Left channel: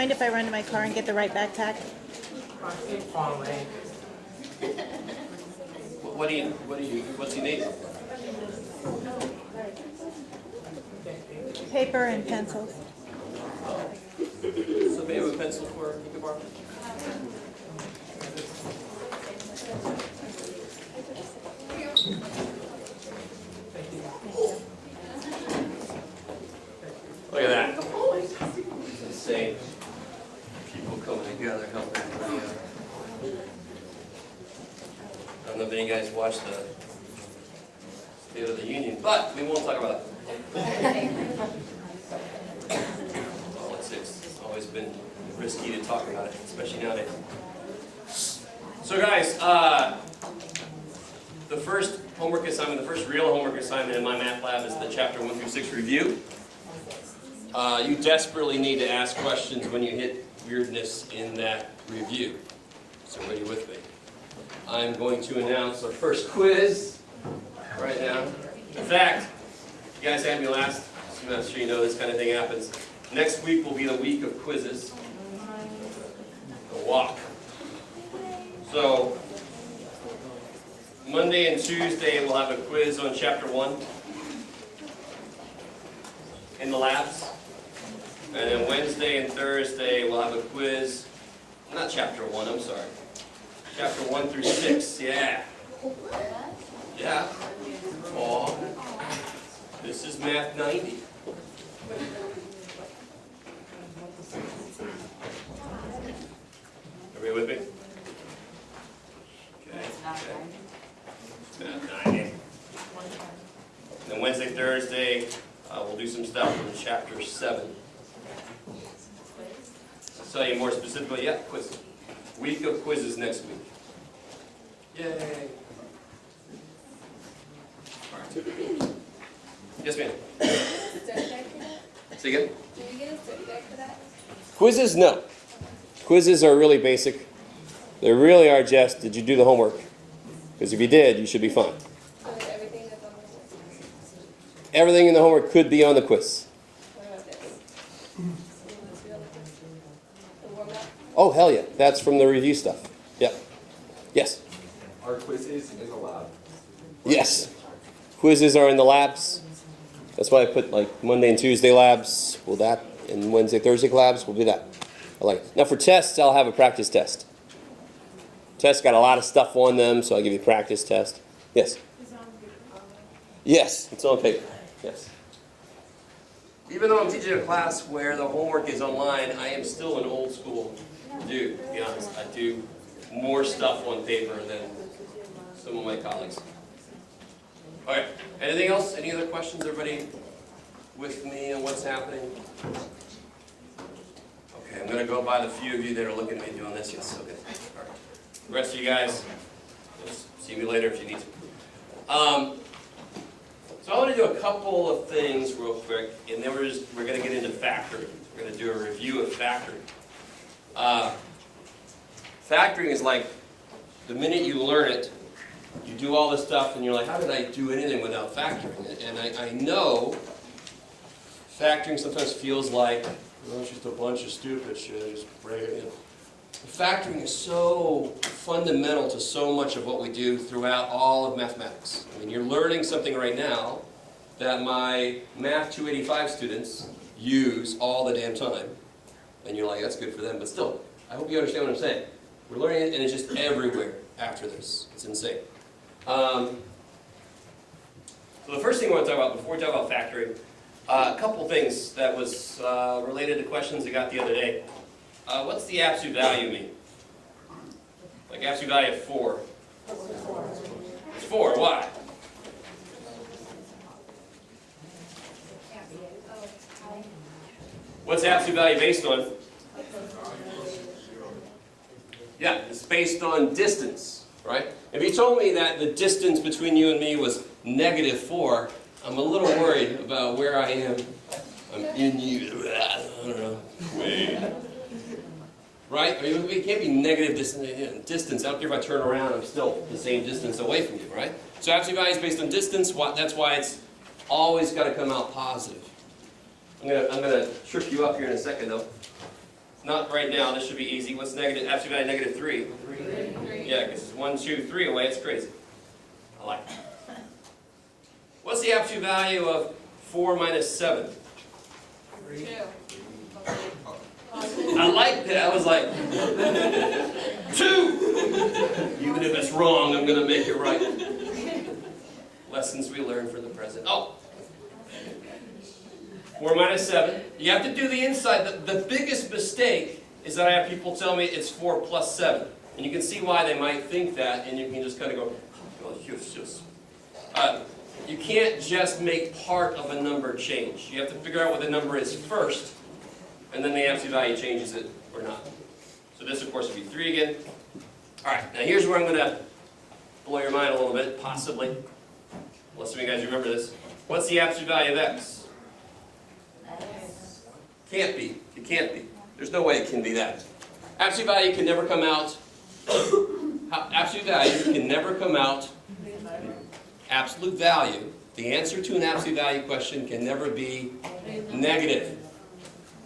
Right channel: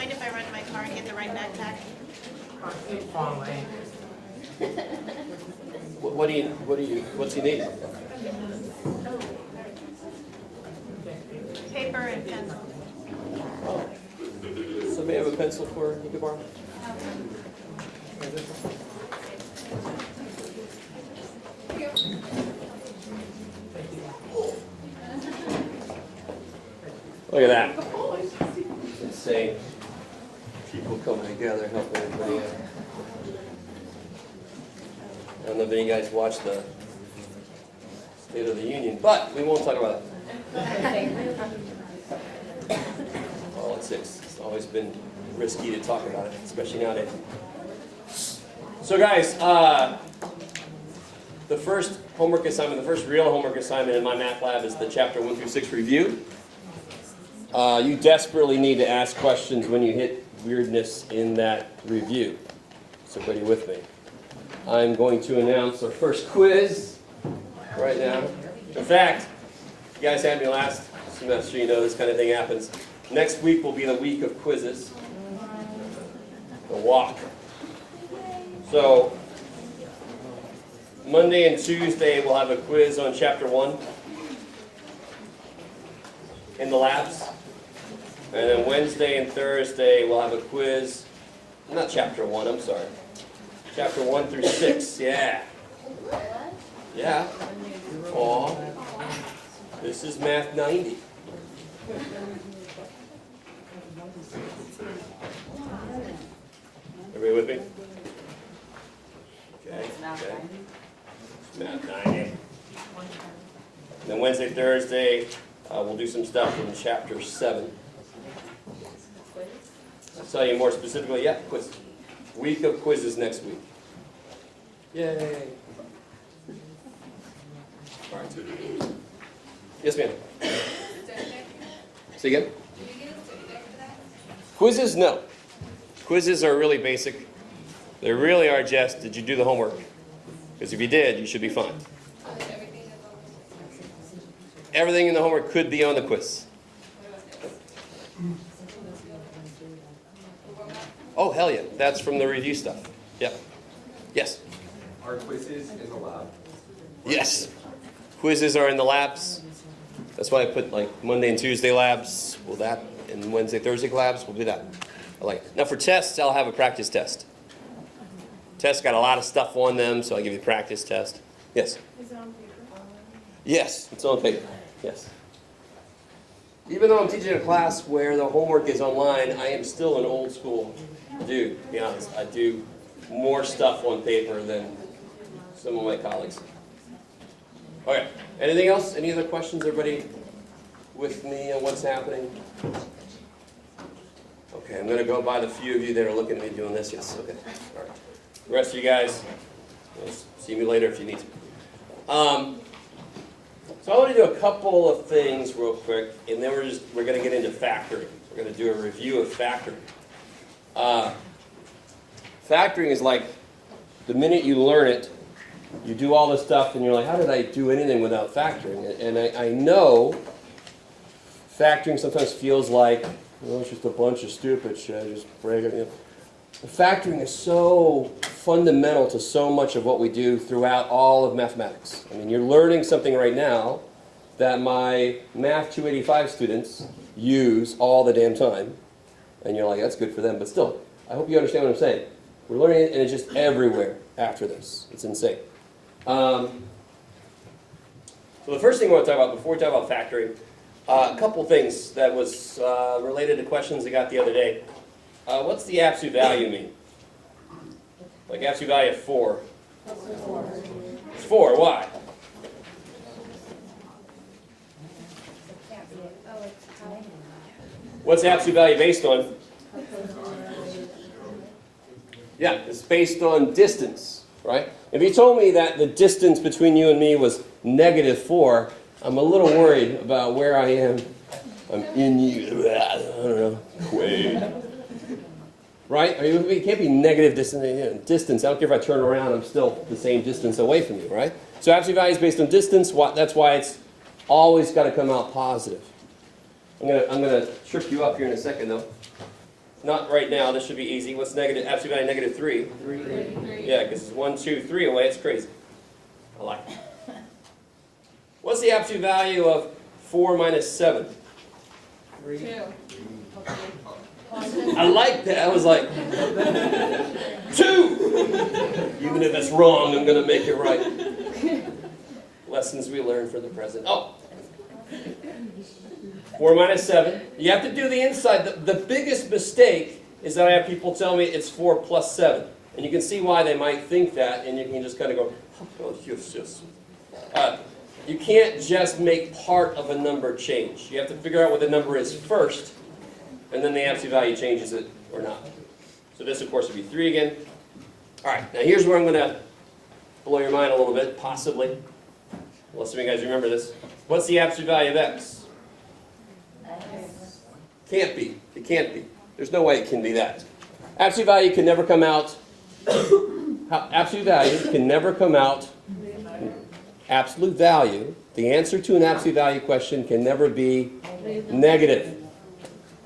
mind if I run to my car and get the right backpack? It's far away. What's you need? Paper and pencils. Somebody have a pencil for you can borrow? Look at that. It's insane. People coming together, helping everybody out. I don't know if any guys watched the State of the Union, but we won't talk about that. Politics. It's always been risky to talk about it, especially nowadays. So guys, the first homework assignment, the first real homework assignment in my math lab is the chapter 1 through 6 review. You desperately need to ask questions when you hit weirdness in that review. So everybody with me. I'm going to announce our first quiz right now. In fact, you guys had me last semester, you know this kind of thing happens. Next week will be the week of quizzes. The walk. So, Monday and Tuesday we'll have a quiz on chapter 1 in the labs. And then Wednesday and Thursday we'll have a quiz. Not chapter 1, I'm sorry. Chapter 1 through 6, yeah. Yeah. Aw. This is Math 90. Everybody with me? Okay. Math 90. And then Wednesday, Thursday, we'll do some stuff from chapter 7. I'll tell you more specifically. Yeah, quiz. Week of quizzes next week. Yay. Yes, ma'am. Say again? Quizzes? No. Quizzes are really basic. They really are just, did you do the homework? Because if you did, you should be fine. Everything in the homework could be on the quiz. Oh, hell yeah. That's from the review stuff. Yeah. Yes? Are quizzes in the lab? Yes. Quizzes are in the labs. That's why I put like Monday and Tuesday labs. Will that, and Wednesday, Thursday labs, we'll do that. I like it. Now for tests, I'll have a practice test. Tests got a lot of stuff on them, so I'll give you a practice test. Yes? Is it on paper? Yes, it's on paper. Yes. Even though I'm teaching a class where the homework is online, I am still an old school dude, to be honest. I do more stuff on paper than some of my colleagues. Okay, anything else? Any other questions? Everybody with me on what's happening? Okay, I'm going to go by the few of you that are looking at me doing this. Yes, okay. All right. The rest of you guys, see me later if you need to. So I want to do a couple of things real quick, and then we're going to get into factoring. We're going to do a review of factoring. Factoring is like the minute you learn it, you do all this stuff, and you're like, how did I do anything without factoring? And I know factoring sometimes feels like, well, it's just a bunch of stupid shit, just break it in. Factoring is so fundamental to so much of what we do throughout all of mathematics. I mean, you're learning something right now that my Math 285 students use all the damn time. And you're like, that's good for them. But still, I hope you understand what I'm saying. We're learning it, and it's just everywhere after this. It's insane. So the first thing I want to talk about before we talk about factoring, a couple things that was related to questions I got the other day. What's the absolute value mean? Like absolute value of 4. It's 4. Why? What's the absolute value based on? Yeah, it's based on distance, right? If you told me that the distance between you and me was -4, I'm a little worried about where I am. I'm in you. I don't know. Quaid. Right? It can't be negative distance. I don't care if I turn around, I'm still the same distance away from you, right? So absolute value is based on distance. That's why it's always got to come out positive. I'm gonna trip you up here in a second, though. Not right now, this should be easy. What's negative, absolute value negative 3? 3. Yeah, because it's 1, 2, 3 away, it's crazy. I like it. What's the absolute value of 4 minus 7? 3. I like that. I was like, 2! Even if it's wrong, I'm going to make it right. Lessons we learn for the present. Oh! 4 minus 7. You have to do the inside. The biggest mistake is that I have people tell me it's 4 plus 7. And you can see why they might think that, and you can just kind of go, oh, yes, yes. You can't just make part of a number change. You have to figure out what the number is first, and then the absolute value changes it or not. So this, of course, would be 3 again. All right, now here's where I'm going to blow your mind a little bit, possibly. Unless some of you guys remember this. What's the absolute value of x? Can't be. It can't be. There's no way it can be that. Absolute value can never come out. Absolute value can never come out. Absolute value, the answer to an absolute value question can never be negative.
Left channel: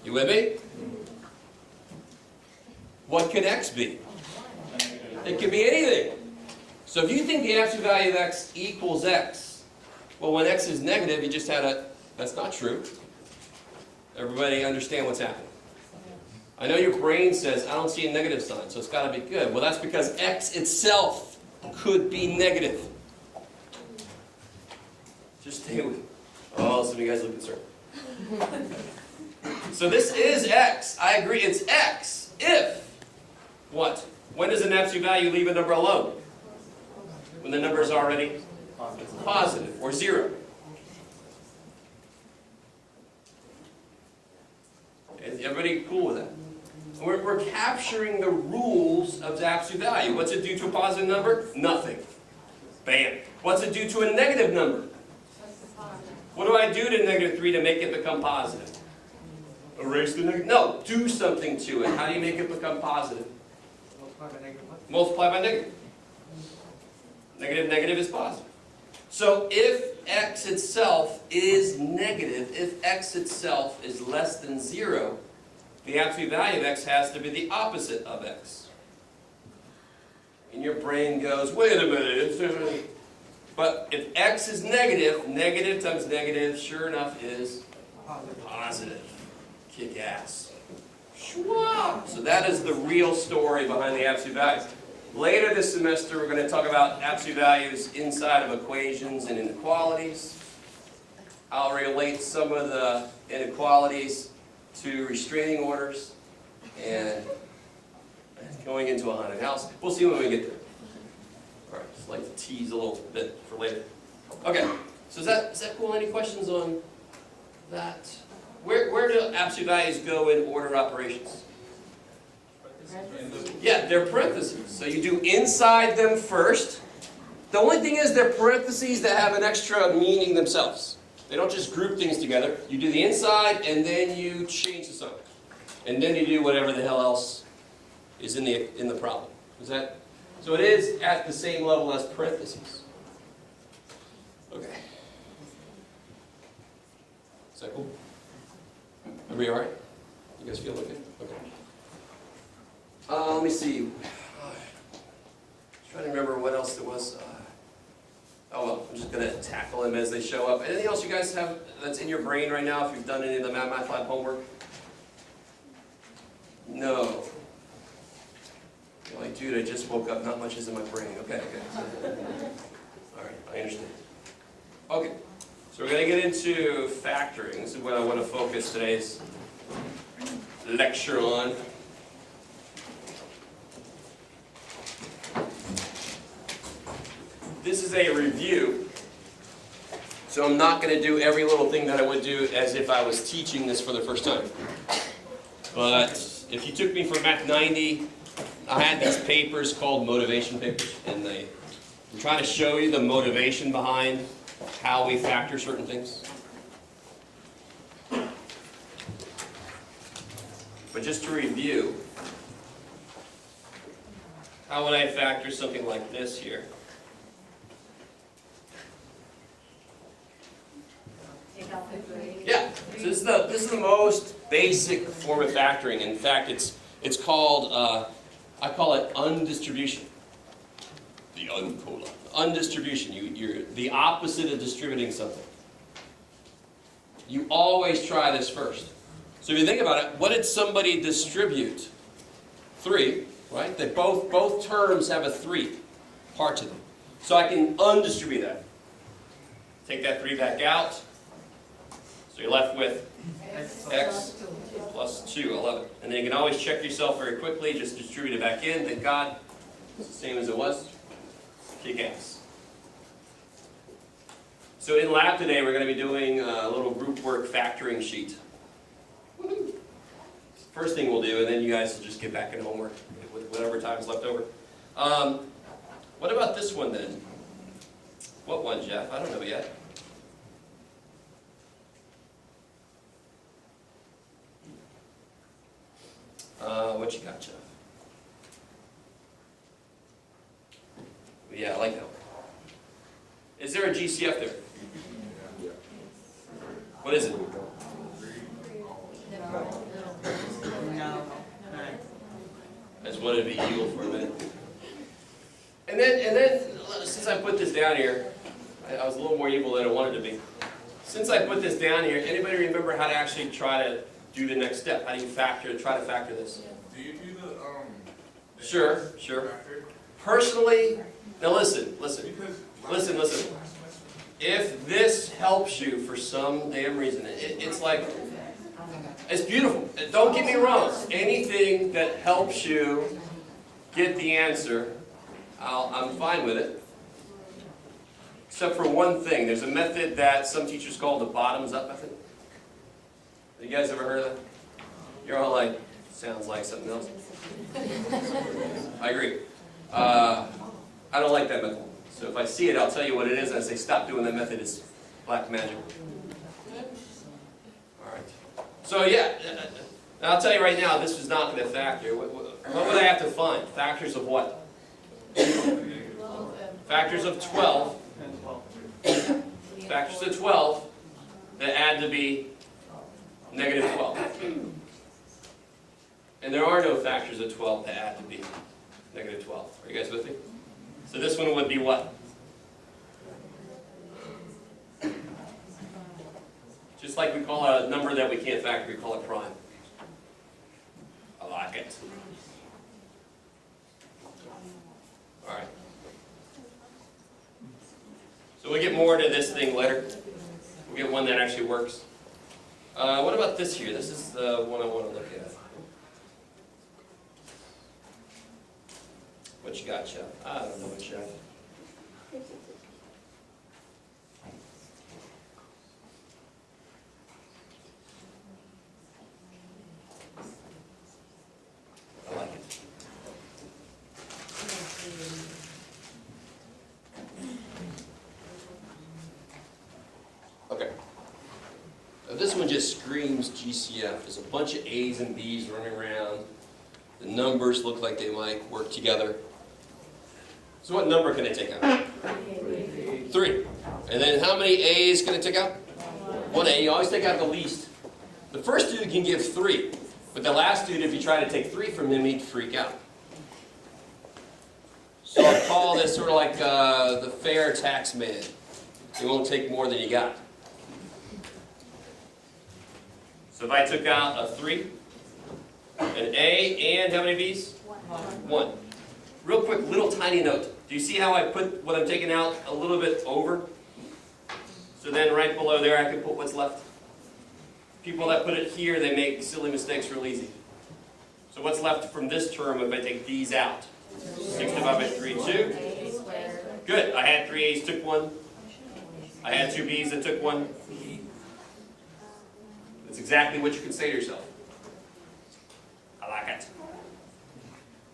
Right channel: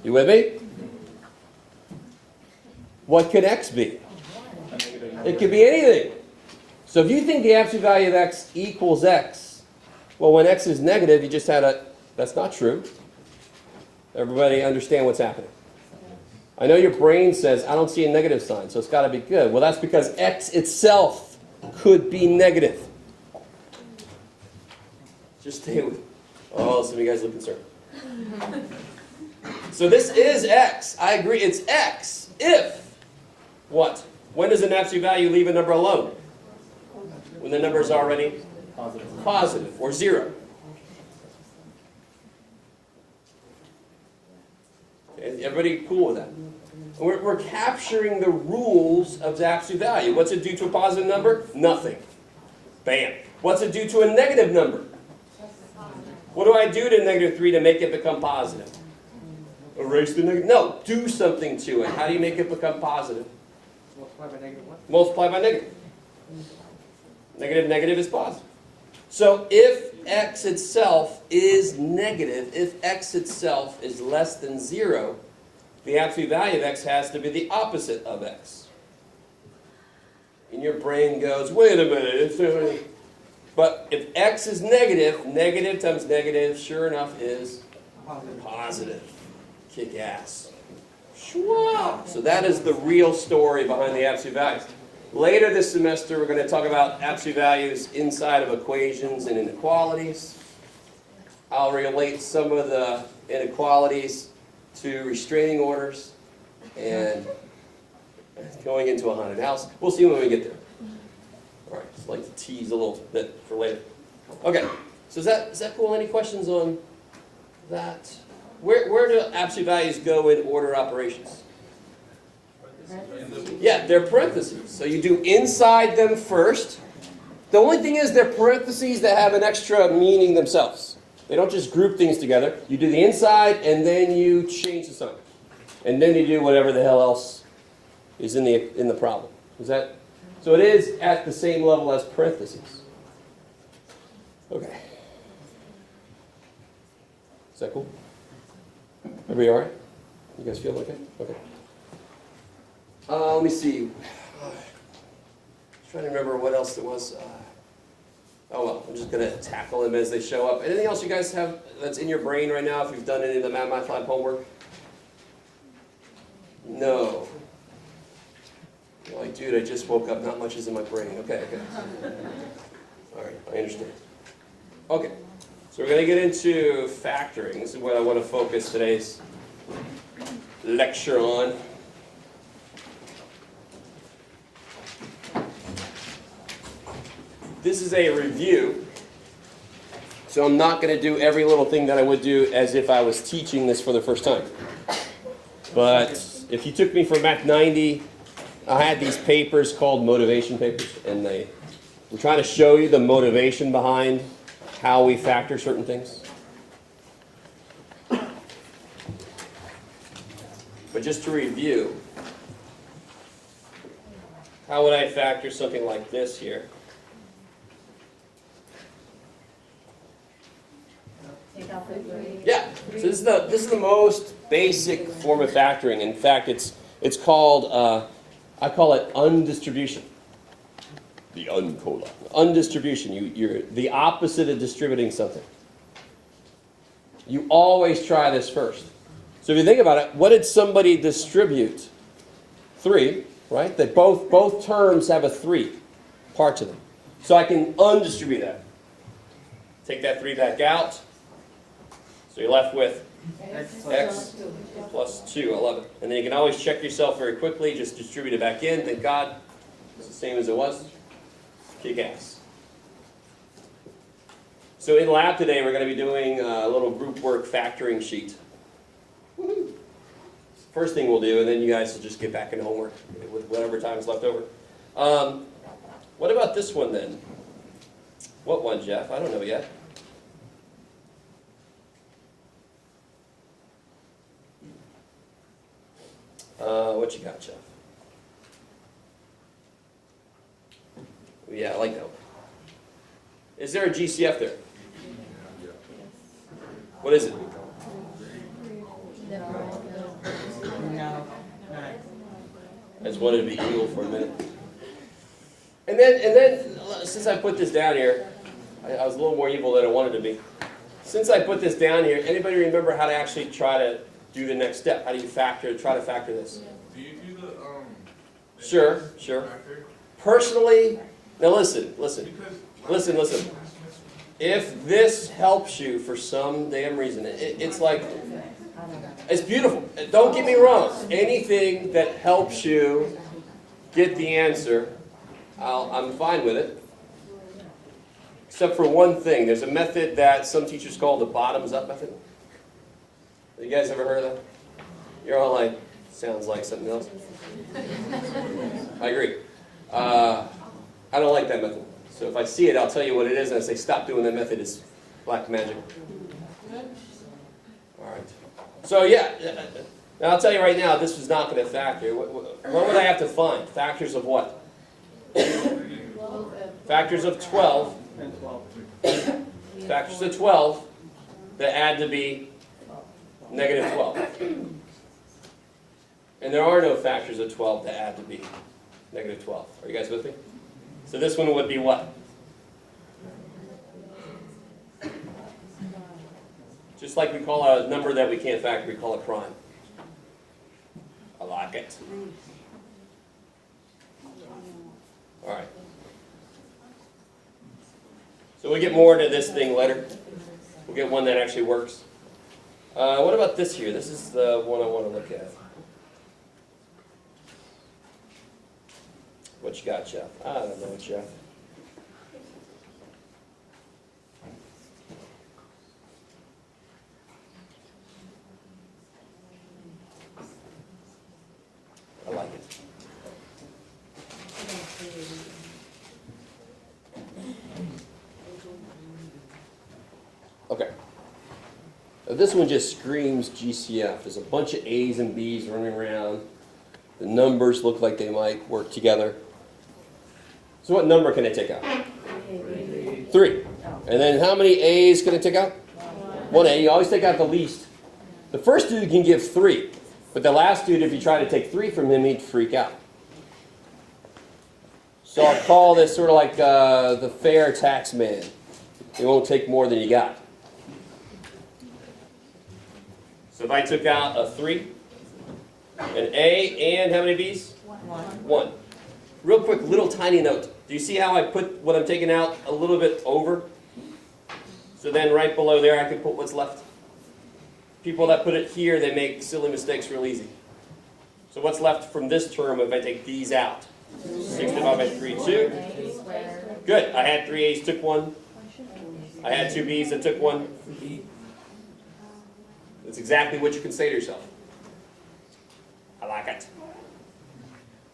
You with me? What can x be? It could be anything. So if you think the absolute value of x equals x, well, when x is negative, you just had a, that's not true. Everybody understand what's happening? I know your brain says, I don't see a negative sign, so it's got to be good. Well, that's because x itself could be negative. Just stay with it. Oh, some of you guys look concerned. So this is x. I agree, it's x. If, what? When does an absolute value leave a number alone? When the number is already positive or 0. Everybody cool with that? We're capturing the rules of the absolute value. What's it do to a positive number? Nothing. Bam. What's it do to a negative number? What do I do to negative 3 to make it become positive? Erase the negative? No, do something to it. How do you make it become positive? Multiply by negative 1. Multiply by negative. Negative, negative is positive. So if x itself is negative, if x itself is less than 0, the absolute value of x has to be the opposite of x. And your brain goes, wait a minute. But if x is negative, negative times negative, sure enough, is positive. Kick ass. So that is the real story behind the absolute values. Later this semester, we're going to talk about absolute values inside of equations and inequalities. I'll relate some of the inequalities to restraining orders and going into a haunted house. We'll see when we get there. All right, just like to tease a little bit for later. Okay, so is that cool? Any questions on that? Where do absolute values go in order operations? Yeah, they're parentheses. So you do inside them first. The only thing is they're parentheses that have an extra meaning themselves. They don't just group things together. You do the inside and then you change the sign. And then you do whatever the hell else is in the problem. Is that? So it is at the same level as parentheses. Okay. Is that cool? Everybody all right? You guys feel okay? Okay. Let me see. Trying to remember what else there was. Oh well, I'm just going to tackle them as they show up. Anything else you guys have that's in your brain right now if you've done any of the Math Lab homework? No. You're like, dude, I just woke up. Not much is in my brain. Okay. All right, I understand. Okay, so we're going to get into factoring. This is what I want to focus today's lecture on. This is a review, so I'm not going to do every little thing that I would do as if I was teaching this for the first time. But if you took me for Math 90, I had these papers called motivation papers, and we're trying to show you the motivation behind how we factor certain things. But just to review, how would I factor something like this here? Yeah. So this is the most basic form of factoring. In fact, it's called I call it undistribution. The uncola. Undistribution. You're the opposite of distributing something. You always try this first. So if you think about it, what did somebody distribute? 3, right? That both terms have a 3 part to them. So I can undistribute that. Take that 3 back out. So you're left with x plus 2, 11. And then you can always check yourself very quickly. Just distribute it back in. Thank God. It's the same as it was. Kick ass. So in lab today, we're going to be doing a little group work factoring sheet. Woo-hoo. First thing we'll do, and then you guys will just get back into homework with whatever time is left over. What about this one then? What one, Jeff? I don't know yet. What you got, Jeff? Yeah, I like that one. Is there a GCF there? What is it? No. I just wanted to be eagle for a minute. And then, since I put this down here, I was a little more evil than I wanted to be. Since I put this down here, anybody remember how to actually try to do the next step? How do you try to factor this? Do you do the Sure. factor? Personally, now listen. If this helps you for some damn reason, it's like, it's beautiful. Don't get me wrong. Anything that helps you get the answer, I'm fine with it. Except for one thing. There's a method that some teachers call the bottoms-up method. You guys ever heard of that? You're all like, sounds like something else. I agree. I don't like that method. So if I see it, I'll tell you what it is, and I say, stop doing that method. It's black magic. All right. So yeah, now I'll tell you right now, this is not going to factor. What would I have to find? Factors of what? Factors of 12. And 12. Factors of 12 that add to be negative 12. And there are no factors of 12 that add to be negative 12. Are you guys with me? So this one would be what? Just like we call a number that we can't factor, we call it prime. I like it. All right. So we'll get more into this thing later. We'll get one that actually works. What about this here? This is the one I want to look at. What you got, Jeff? I don't know, Jeff. I like it. Okay. Now this one just screams GCF. There's a bunch of A's and B's running around. The numbers look like they might work together. So what number can I take out? 3. And then how many A's can I take out? 1 A. You always take out the least. The first dude can give 3. But the last dude, if you try to take 3 from him, he'd freak out. So I'll call this sort of like the fair tax man. He won't take more than you got. So if I took out a 3, an A, and how many B's? 1. Real quick, little tiny note. Do you see how I put what I'm taking out a little bit over? So then right below there, I can put what's left. People that put it here, they make silly mistakes real easy. So what's left from this term if I take these out? 6 divided by 3, 2. Good. I had 3 A's, took 1. I had 2 B's, that took 1. That's exactly what you can say to yourself. I like it.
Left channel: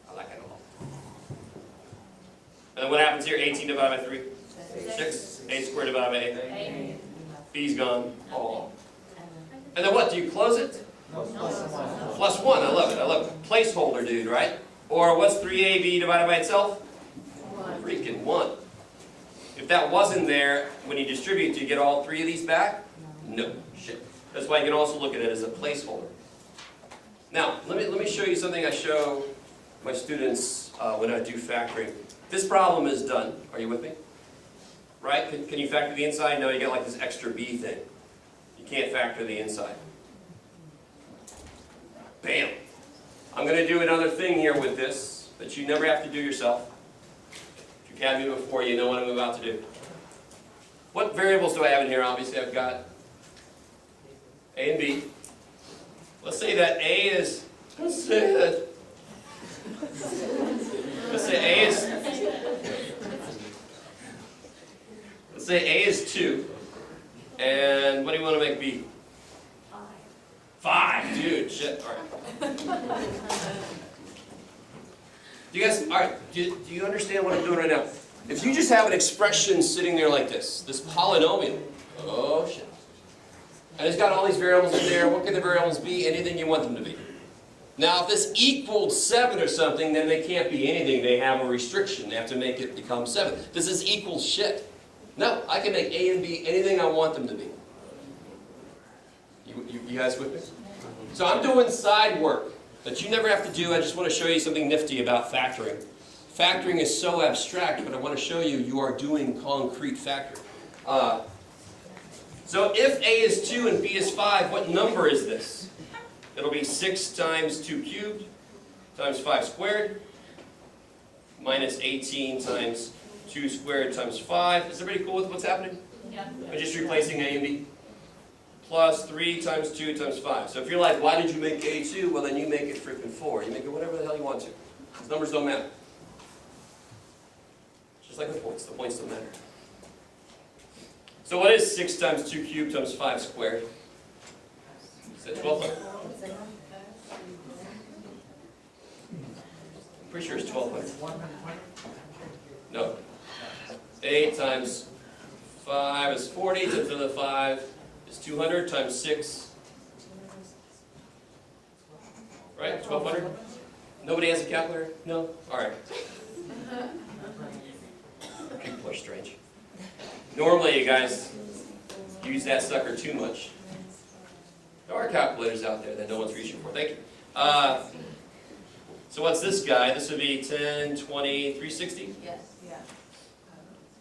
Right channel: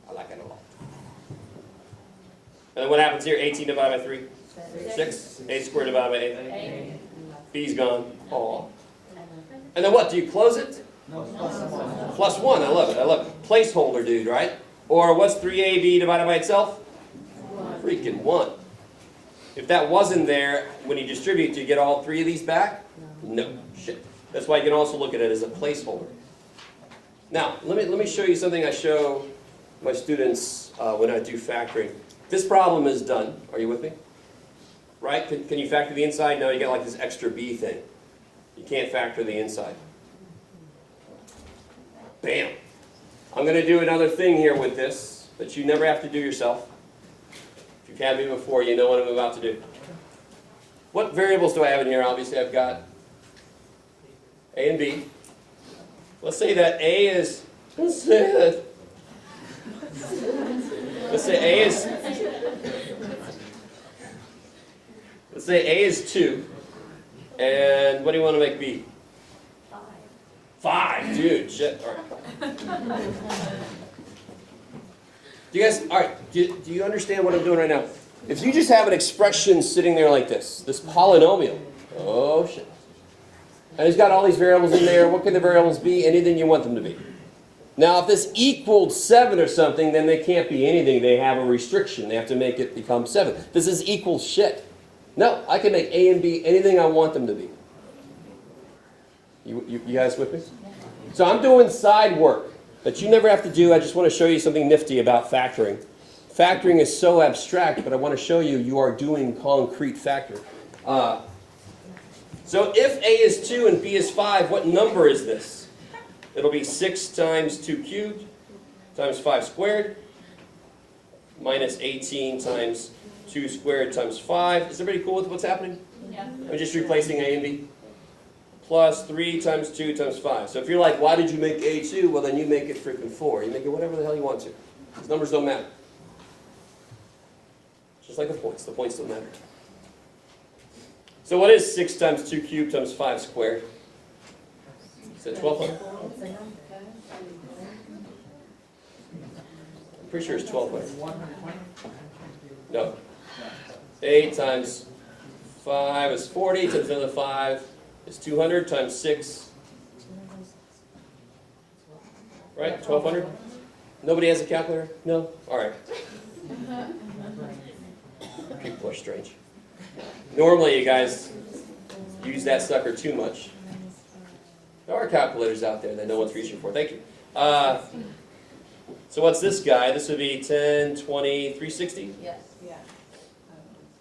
I like it a lot. And then what happens here? 18 divided by 3? 6. A squared divided by 8. B's gone. Aw. And then what? Do you close it? Plus 1. I love it. I love it. Placeholder, dude, right? Or what's 3AB divided by itself? Freaking 1. If that wasn't there, when you distribute, do you get all three of these back? No. Shit. That's why you can also look at it as a placeholder. Now, let me show you something I show my students when I do factoring. This problem is done. Are you with me? Right? Can you factor the inside? No, you get like this extra B thing. You can't factor the inside. Bam. I'm going to do another thing here with this that you never have to do yourself. If you've had me before, you know what I'm about to do. What variables do I have in here? Obviously, I've got A and B. Let's say that A is, let's say A is 2. And what do you want to make B? 5, dude, shit. All right. Do you guys, all right, do you understand what I'm doing right now? If you just have an expression sitting there like this polynomial, oh shit. And it's got all these variables in there. What can the variables be? Anything you want them to be. Now, if this equaled 7 or something, then they can't be anything. They have a restriction. They have to make it become 7. This is equal shit. No, I can make A and B anything I want them to be. You guys with me? So I'm doing side work that you never have to do. I just want to show you something nifty about factoring. Factoring is so abstract, but I want to show you you are doing concrete factoring. So if A is 2 and B is 5, what number is this? It'll be 6 times 2 cubed times 5 squared minus 18 times 2 squared times 5. Is everybody cool with what's happening? Yeah. I'm just replacing A and B. Plus 3 times 2 times 5. So if you're like, why did you make A 2? Well, then you make it freaking 4. You make it whatever the hell you want to. These numbers don't matter. Just like the points. The points don't matter. So what is 6 times 2 cubed times 5 squared? Is that 1,200? I'm pretty sure it's 1,200. No. 8 times 5 is 40 times another 5 is 200 times 6. Right? 1,200? Nobody has a calculator? No? Alright. People are strange. Normally, you guys use that sucker too much. There are calculators out there that no one's reaching for. Thank you. So what's this guy? This would be 10, 20, 360? Yes. Yeah.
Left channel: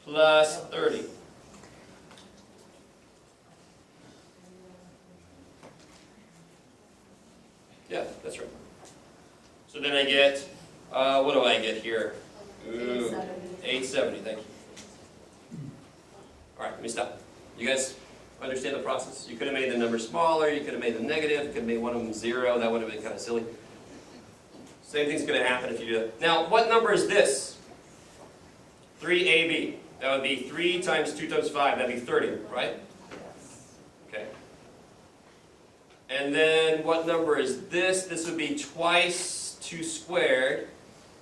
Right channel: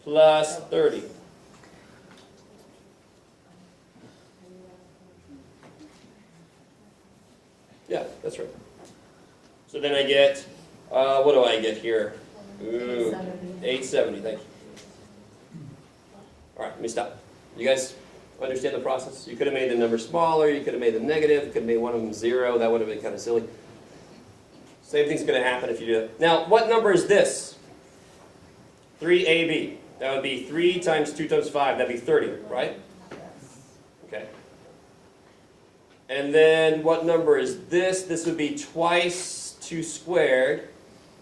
Plus 30. Yeah, that's right. So then I get, what do I get here? Ooh, 870, thank you. All right, let me stop. You guys understand the process? You could have made the number smaller, you could have made them negative, you could have made one of them 0, that would have been kind of silly. Same thing's going to happen if you do it. Now, what number is this? 3AB. That would be 3 times 2 times 5, that'd be 30, right? Okay. And then what number is this? This would be twice 2 squared.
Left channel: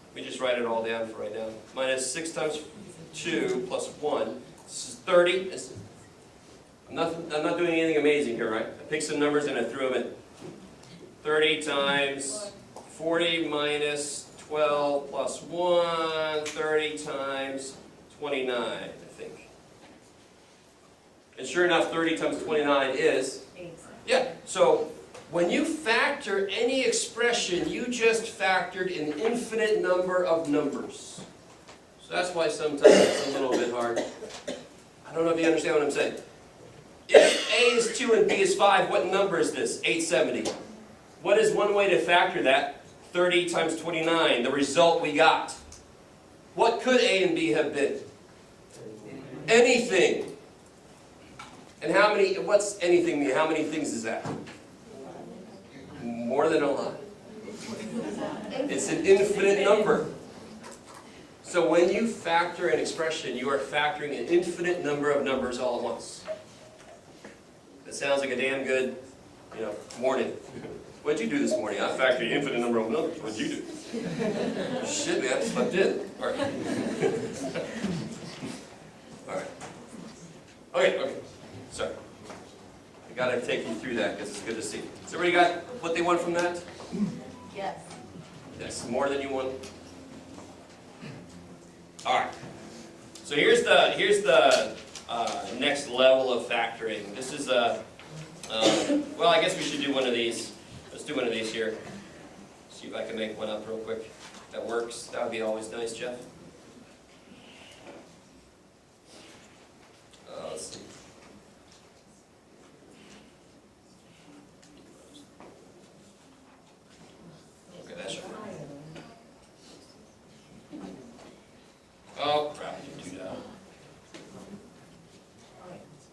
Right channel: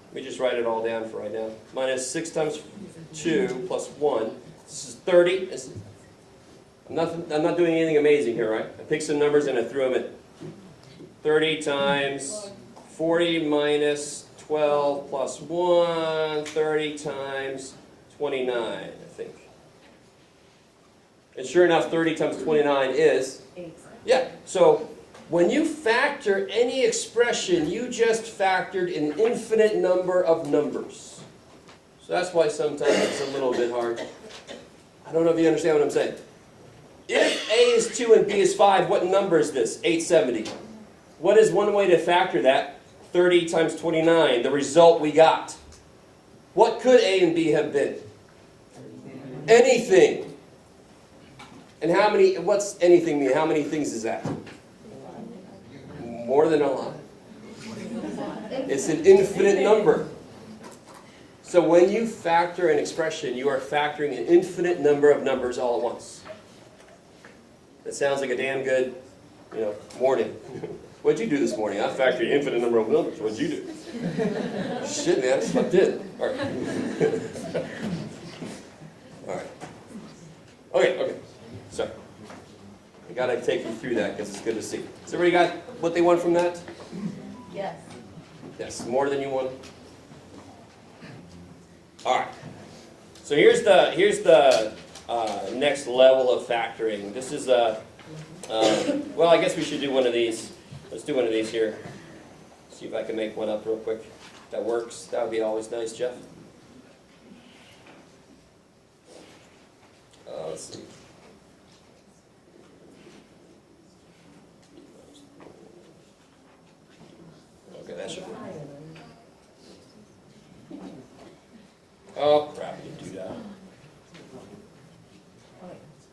Let me just write it all down for right now. Minus 6 times 2 plus 1. This is 30. I'm not doing anything amazing here, right? I picked some numbers and I threw them in. 30 times 40 minus 12 plus 1. 30 times 29, I think. And sure enough, 30 times 29 is? 8. Yeah, so when you factor any expression, you just factored an infinite number of numbers. So that's why sometimes it's a little bit hard. I don't know if you understand what I'm saying. If A is 2 and B is 5, what number is this? 870. What is one way to factor that? 30 times 29, the result we got. What could A and B have been? Anything. And how many, what's anything mean? How many things is that? More than a lot. It's an infinite number. So when you factor an expression, you are factoring an infinite number of numbers all at once. That sounds like a damn good, morning. What'd you do this morning? I factored an infinite number of numbers. What'd you do? Shit, man, I slept in. All right. All right. Okay. Sorry. I gotta take you through that because it's good to see. Has everybody got what they want from that? Yes. Yes, more than you want. All right. So here's the next level of factoring. This is well, I guess we should do one of these. Let's do one of these here. See if I can make one up real quick. That works. That would be always nice, Jeff. Let's see. Okay, that should work. Oh, crap, I didn't do that.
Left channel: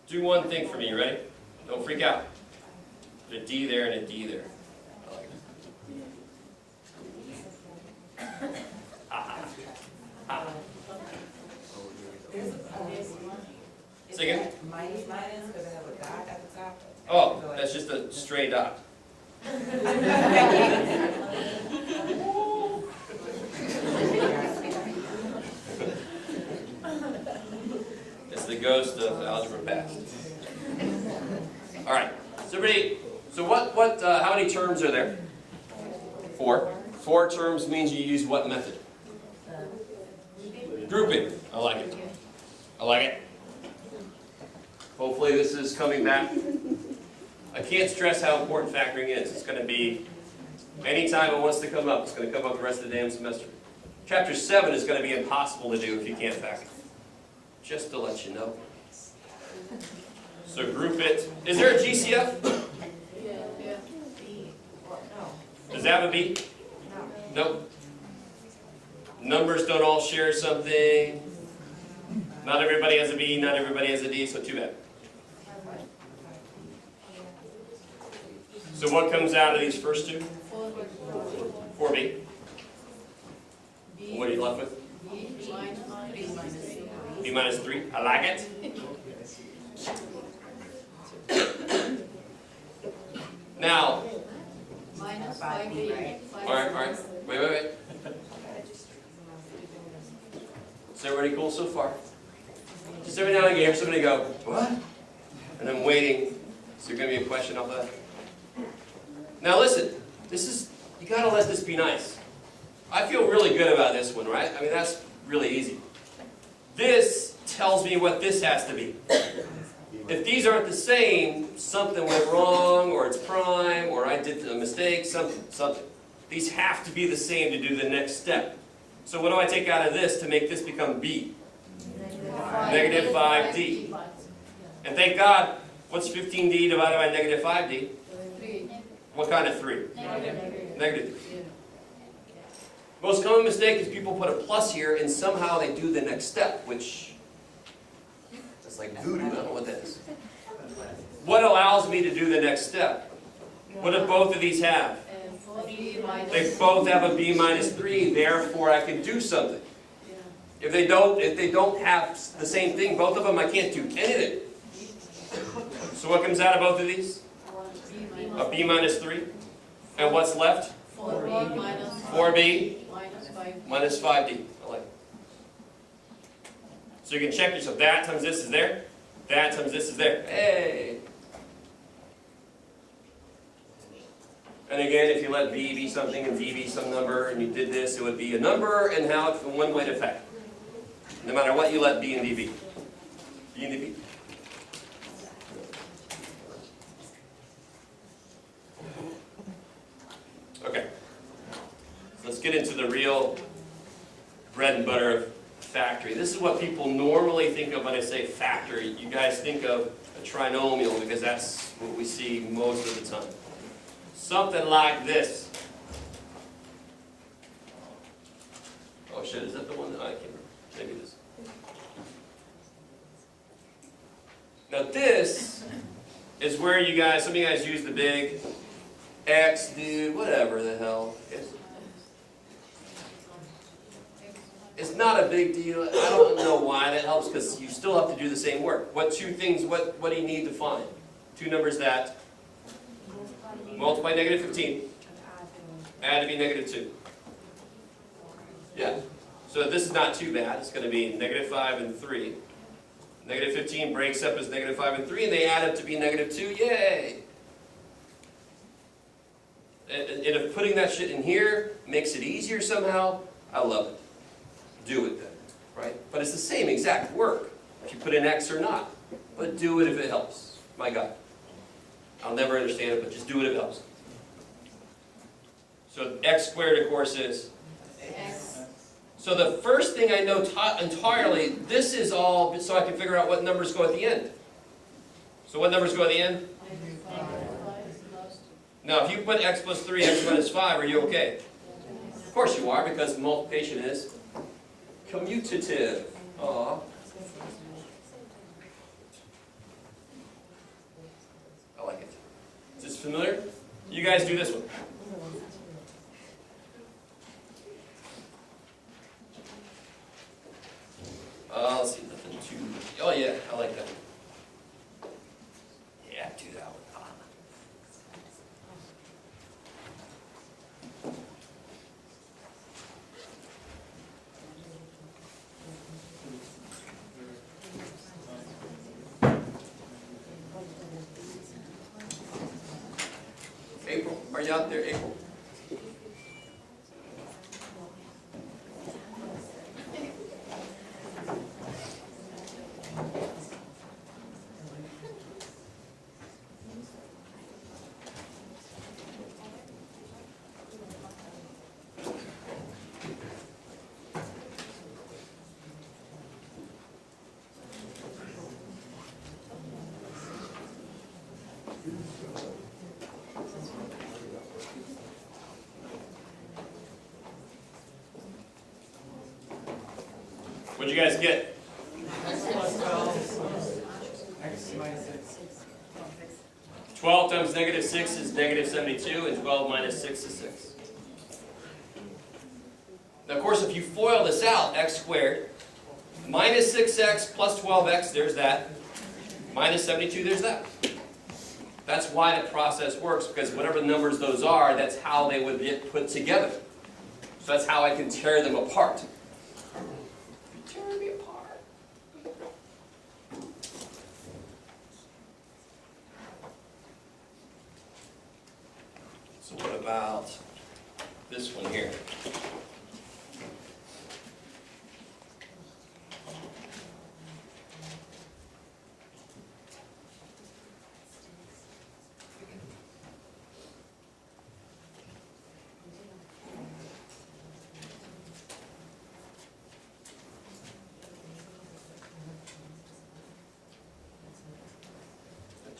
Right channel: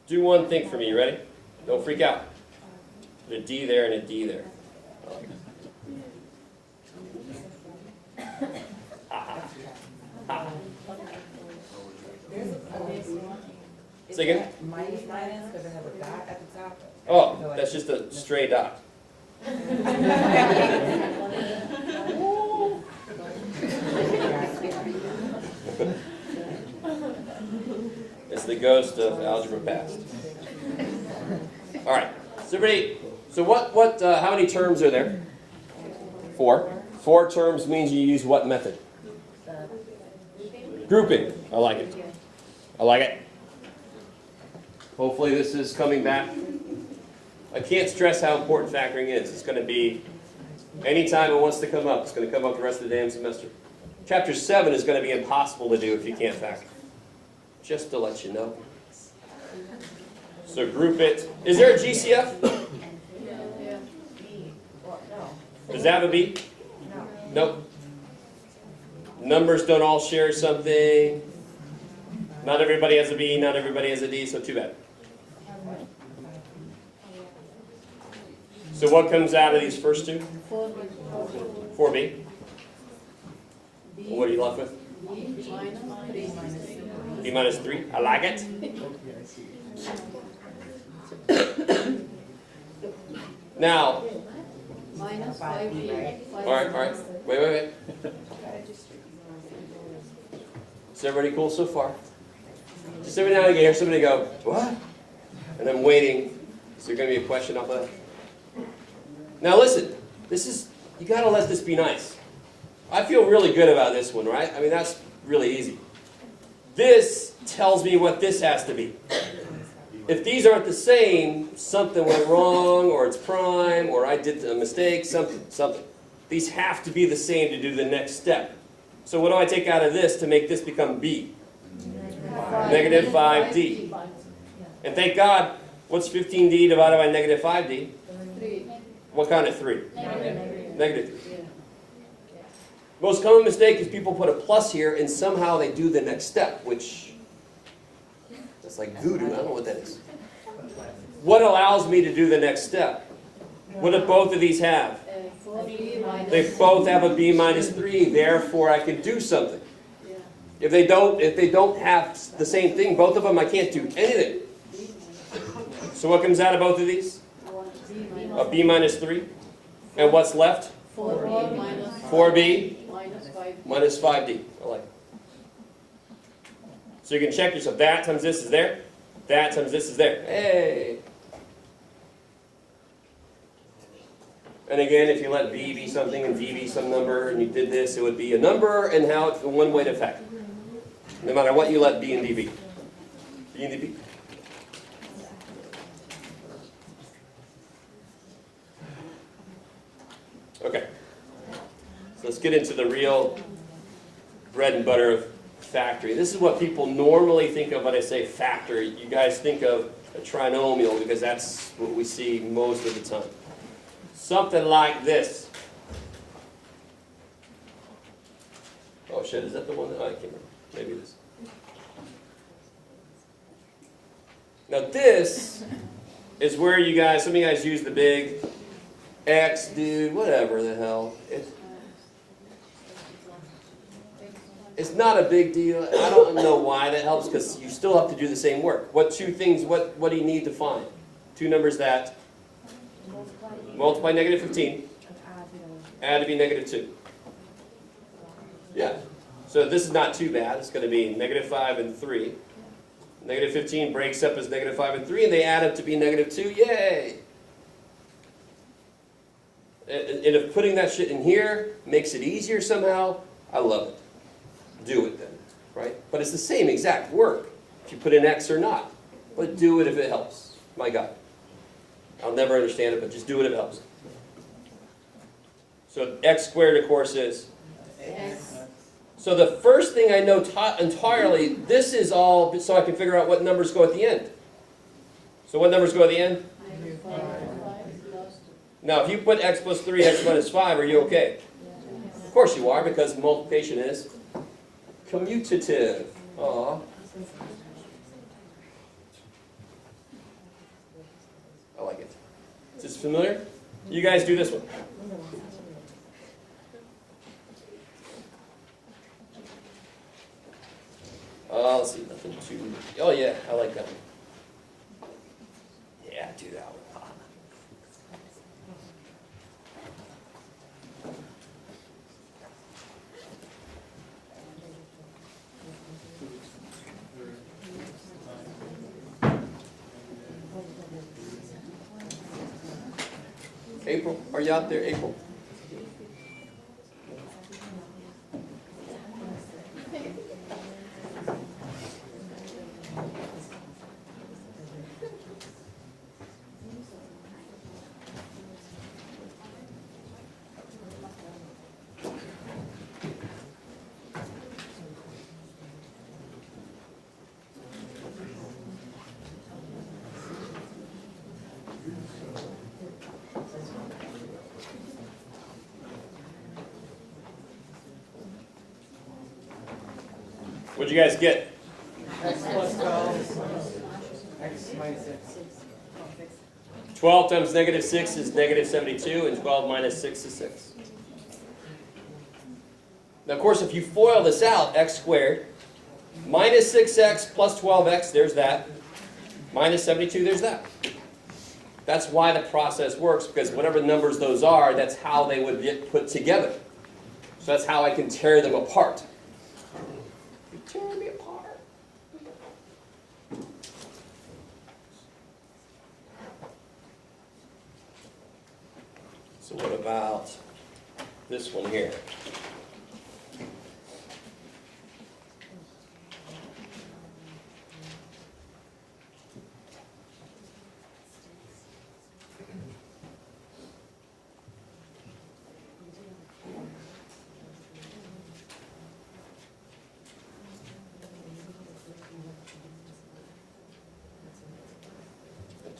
Do one thing for me, you ready? Don't freak out. Put a D there and a D there. I like it. Say again? Minus because I have a dot at the top. Oh, that's just a stray dot. It's the ghost of algebra past. All right. So everybody, how many terms are there? 4. 4 terms means you use what method? Grouping. I like it. I like it. Hopefully this is coming back. I can't stress how important factoring is. It's going to be, anytime it wants to come up, it's going to come up the rest of the damn semester. Chapter 7 is going to be impossible to do if you can't factor. Just to let you know. So group it. Is there a GCF? Does that have a B? Nope. Numbers don't all share something. Not everybody has a B, not everybody has a D, so too bad. So what comes out of these first two? 4B. What are you left with? B minus 3. I like it. Now, minus 5B. all right. Wait. Is everybody cool so far? Just every now and again, somebody go, what? And I'm waiting. Is there going to be a question off of that? Now listen, you got to let this be nice. I feel really good about this one, right? I mean, that's really easy. This tells me what this has to be. If these aren't the same, something went wrong, or it's prime, or I did a mistake, something. These have to be the same to do the next step. So what do I take out of this to make this become B? Negative 5D. And thank God, what's 15D divided by negative 5D? 3. What kind of 3? Negative. Negative 3. Most common mistake is people put a plus here and somehow they do the next step, which that's like voodoo. I don't know what that is. What allows me to do the next step? What do both of these have? 4B minus. They both have a B minus 3, therefore I can do something. If they don't have the same thing, both of them, I can't do anything. So what comes out of both of these? A B minus 3. And what's left? 4B minus 4B minus 5. minus 5D. I like it. So you can check yourself. That times this is there. That times this is there. Hey! And again, if you let B be something and D be some number, and you did this, it would be a number and how it's one way to factor. No matter what you let B and D be. B and D be. Okay. So let's get into the real bread and butter of factoring. This is what people normally think of when I say factor. You guys think of a trinomial because that's what we see most of the time. Something like this. Oh shit, is that the one that I can't remember? Maybe it is. Now this is where you guys, some of you guys use the big X, dude, whatever the hell. It's not a big deal. I don't know why that helps because you still have to do the same work. What two things, what do you need to find? Two numbers that multiply negative 15, add to be negative 2. Yeah. So this is not too bad. It's going to be negative 5 and 3. Negative 15 breaks up as negative 5 and 3, and they add up to be negative 2. Yay! And if putting that shit in here makes it easier somehow, I love it. Do it then. right? But it's the same exact work if you put in X or not. But do it if it helps. My God. I'll never understand it, but just do it if it helps. So X squared, of course, is. X. So the first thing I know entirely, this is all so I can figure out what numbers go at the end. So what numbers go at the end? Now, if you put X plus 3, X minus 5, are you okay? Of course you are, because multiplication is commutative. Aw. I like it. Is this familiar? You guys do this one. Let's see, nothing too. Oh yeah, I like that. Yeah, do that one. April, are you out there, April? What'd you guys get? X plus 12. X minus 6. 12 times negative 6 is negative 72, and 12 minus 6 is 6. Now, of course, if you FOIL this out, x squared, minus 6x plus 12x, there's that. Minus 72, there's that. That's why the process works, because whatever numbers those are, that's how they would get put together. So that's how I can tear them apart. Tear me apart. So what about this one here?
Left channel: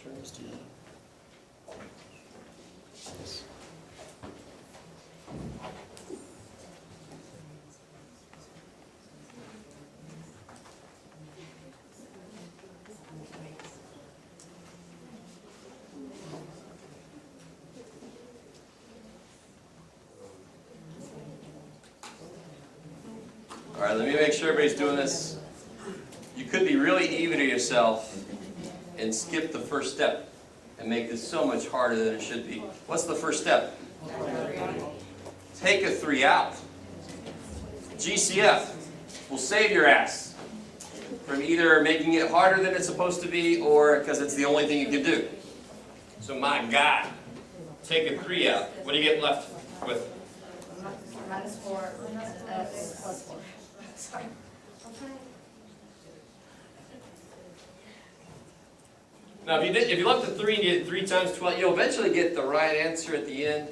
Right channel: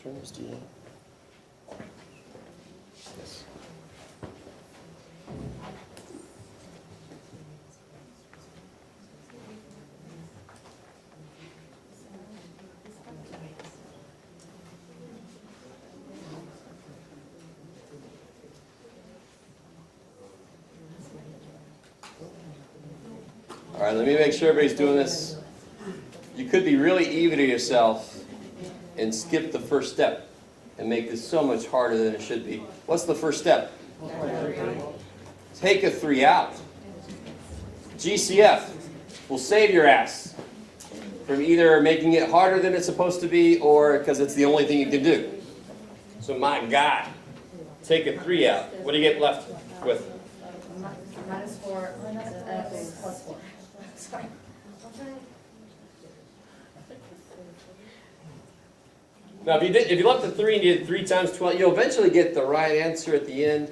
Turn this to you. Yes. All right, let me make sure everybody's doing this. You could be really evil to yourself and skip the first step and make this so much harder than it should be. What's the first step? Take a 3 out. GCF will save your ass from either making it harder than it's supposed to be or because it's the only thing you can do. So my God, take a 3 out. What do you get left with? Minus 4, plus 4. Sorry. Now, if you left the 3 and you did 3 times 12, you'll eventually get the right answer at the end.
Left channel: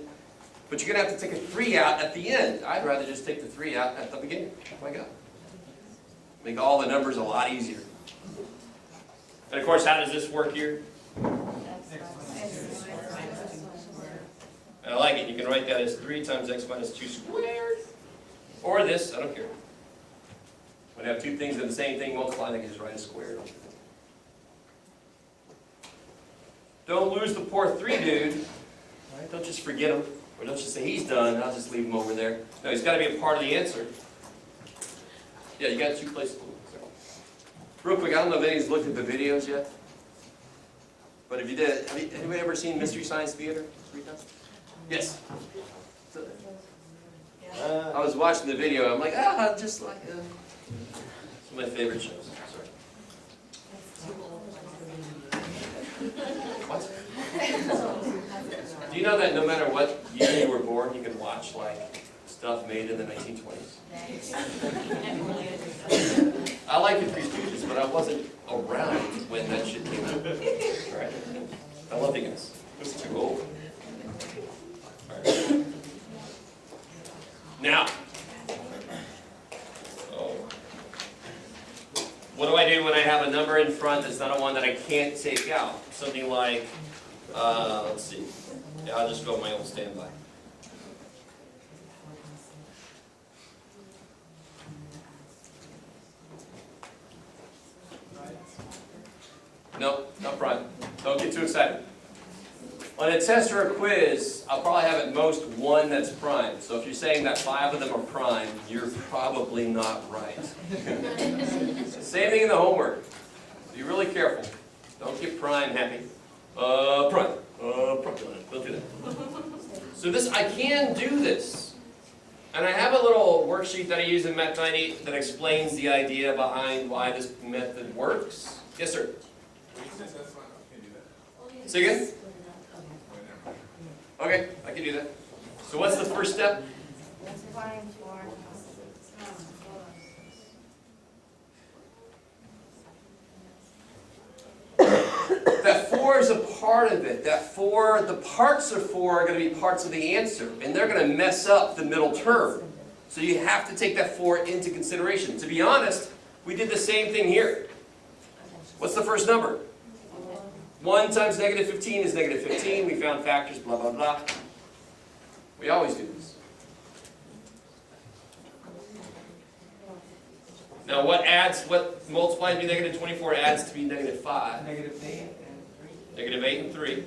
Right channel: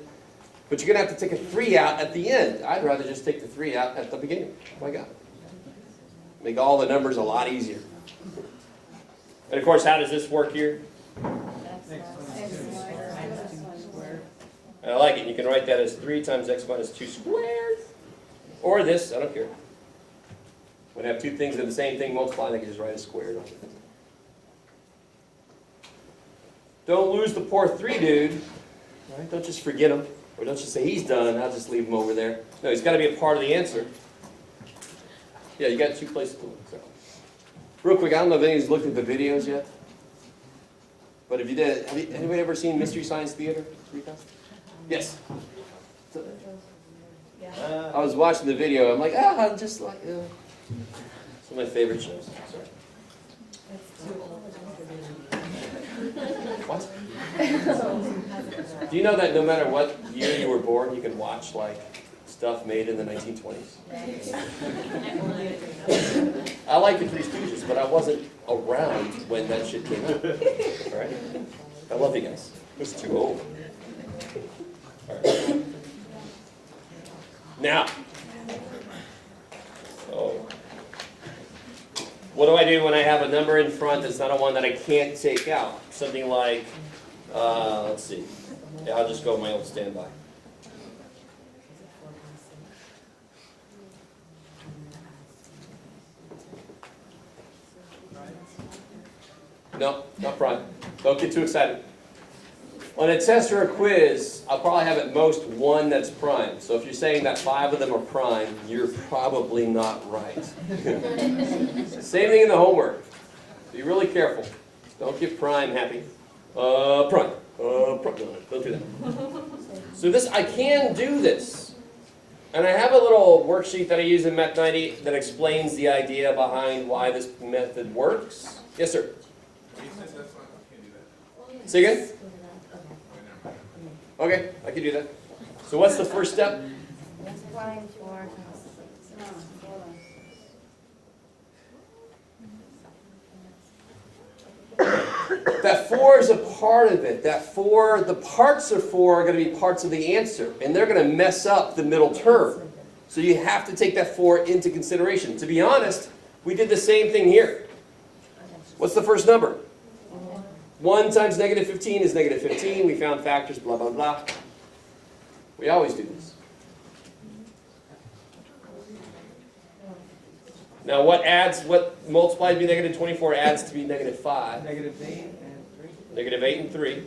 But you're going to have to take a 3 out at the end. I'd rather just take the 3 out at the beginning. Oh my God. Make all the numbers a lot easier. And of course, how does this work here? I like it. You can write that as 3 times x minus 2 squared. Or this, I don't care. When I have two things in the same thing multiplying, I can just write a squared. Don't lose the poor 3 dude. Right? Don't just forget him. Or don't just say he's done, I'll just leave him over there. No, he's got to be a part of the answer. Yeah, you got 2 places to look. So. Real quick, I don't know if anybody's looked at the videos yet. But if you did, have anybody ever seen Mystery Science Theater? Yes. I was watching the video. I'm like, I'm just like, It's one of my favorite shows. What? Do you know that no matter what year you were born, you can watch like stuff made in the 1920s. I like the Three Stooges, but I wasn't around when that shit came out. All right? I love you guys. I was too old. All right. Now, what do I do when I have a number in front that's not a one that I can't take out? Something like, let's see. Yeah, I'll just go with my old standby. No, not prime. Don't get too excited. On a test or a quiz, I'll probably have at most one that's prime. So if you're saying that 5 of them are prime, you're probably not right. Same thing in the homework. Be really careful. Don't get prime happy. Prime. Don't do that. So this, I can do this. And I have a little worksheet that I use in Met 90 that explains the idea behind why this method works. Yes, sir? Say again? Okay, I can do that. So what's the first step? That 4 is a part of it. That 4, the parts of 4 are going to be parts of the answer, and they're going to mess up the middle term. So you have to take that 4 into consideration. To be honest, we did the same thing here. What's the first number? 1 times negative 15 is negative 15. We found factors, blah, blah, blah. We always do this. Now what multiplies to be negative 24 adds to be negative 5. Negative 8 and 3. Negative 8 and 3.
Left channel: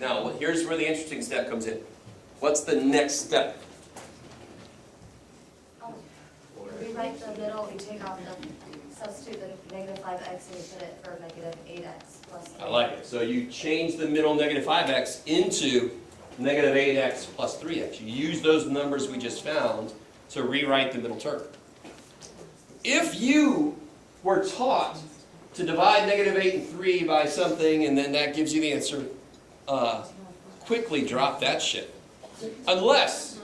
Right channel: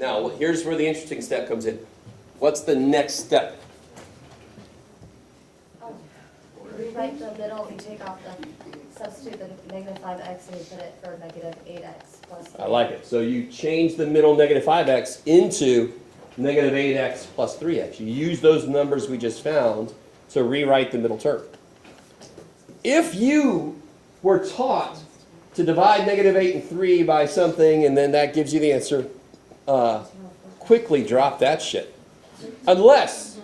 Now, here's where the interesting step comes in. What's the next step? Rewrite the middle, we take out the substitute the negative 5x and we put it for negative 8x plus 3. I like it. So you change the middle negative 5x into negative 8x plus 3x. You use those numbers we just found to rewrite the middle term. If you were taught to divide negative 8 and 3 by something and then that gives you the answer, quickly drop that shit. Unless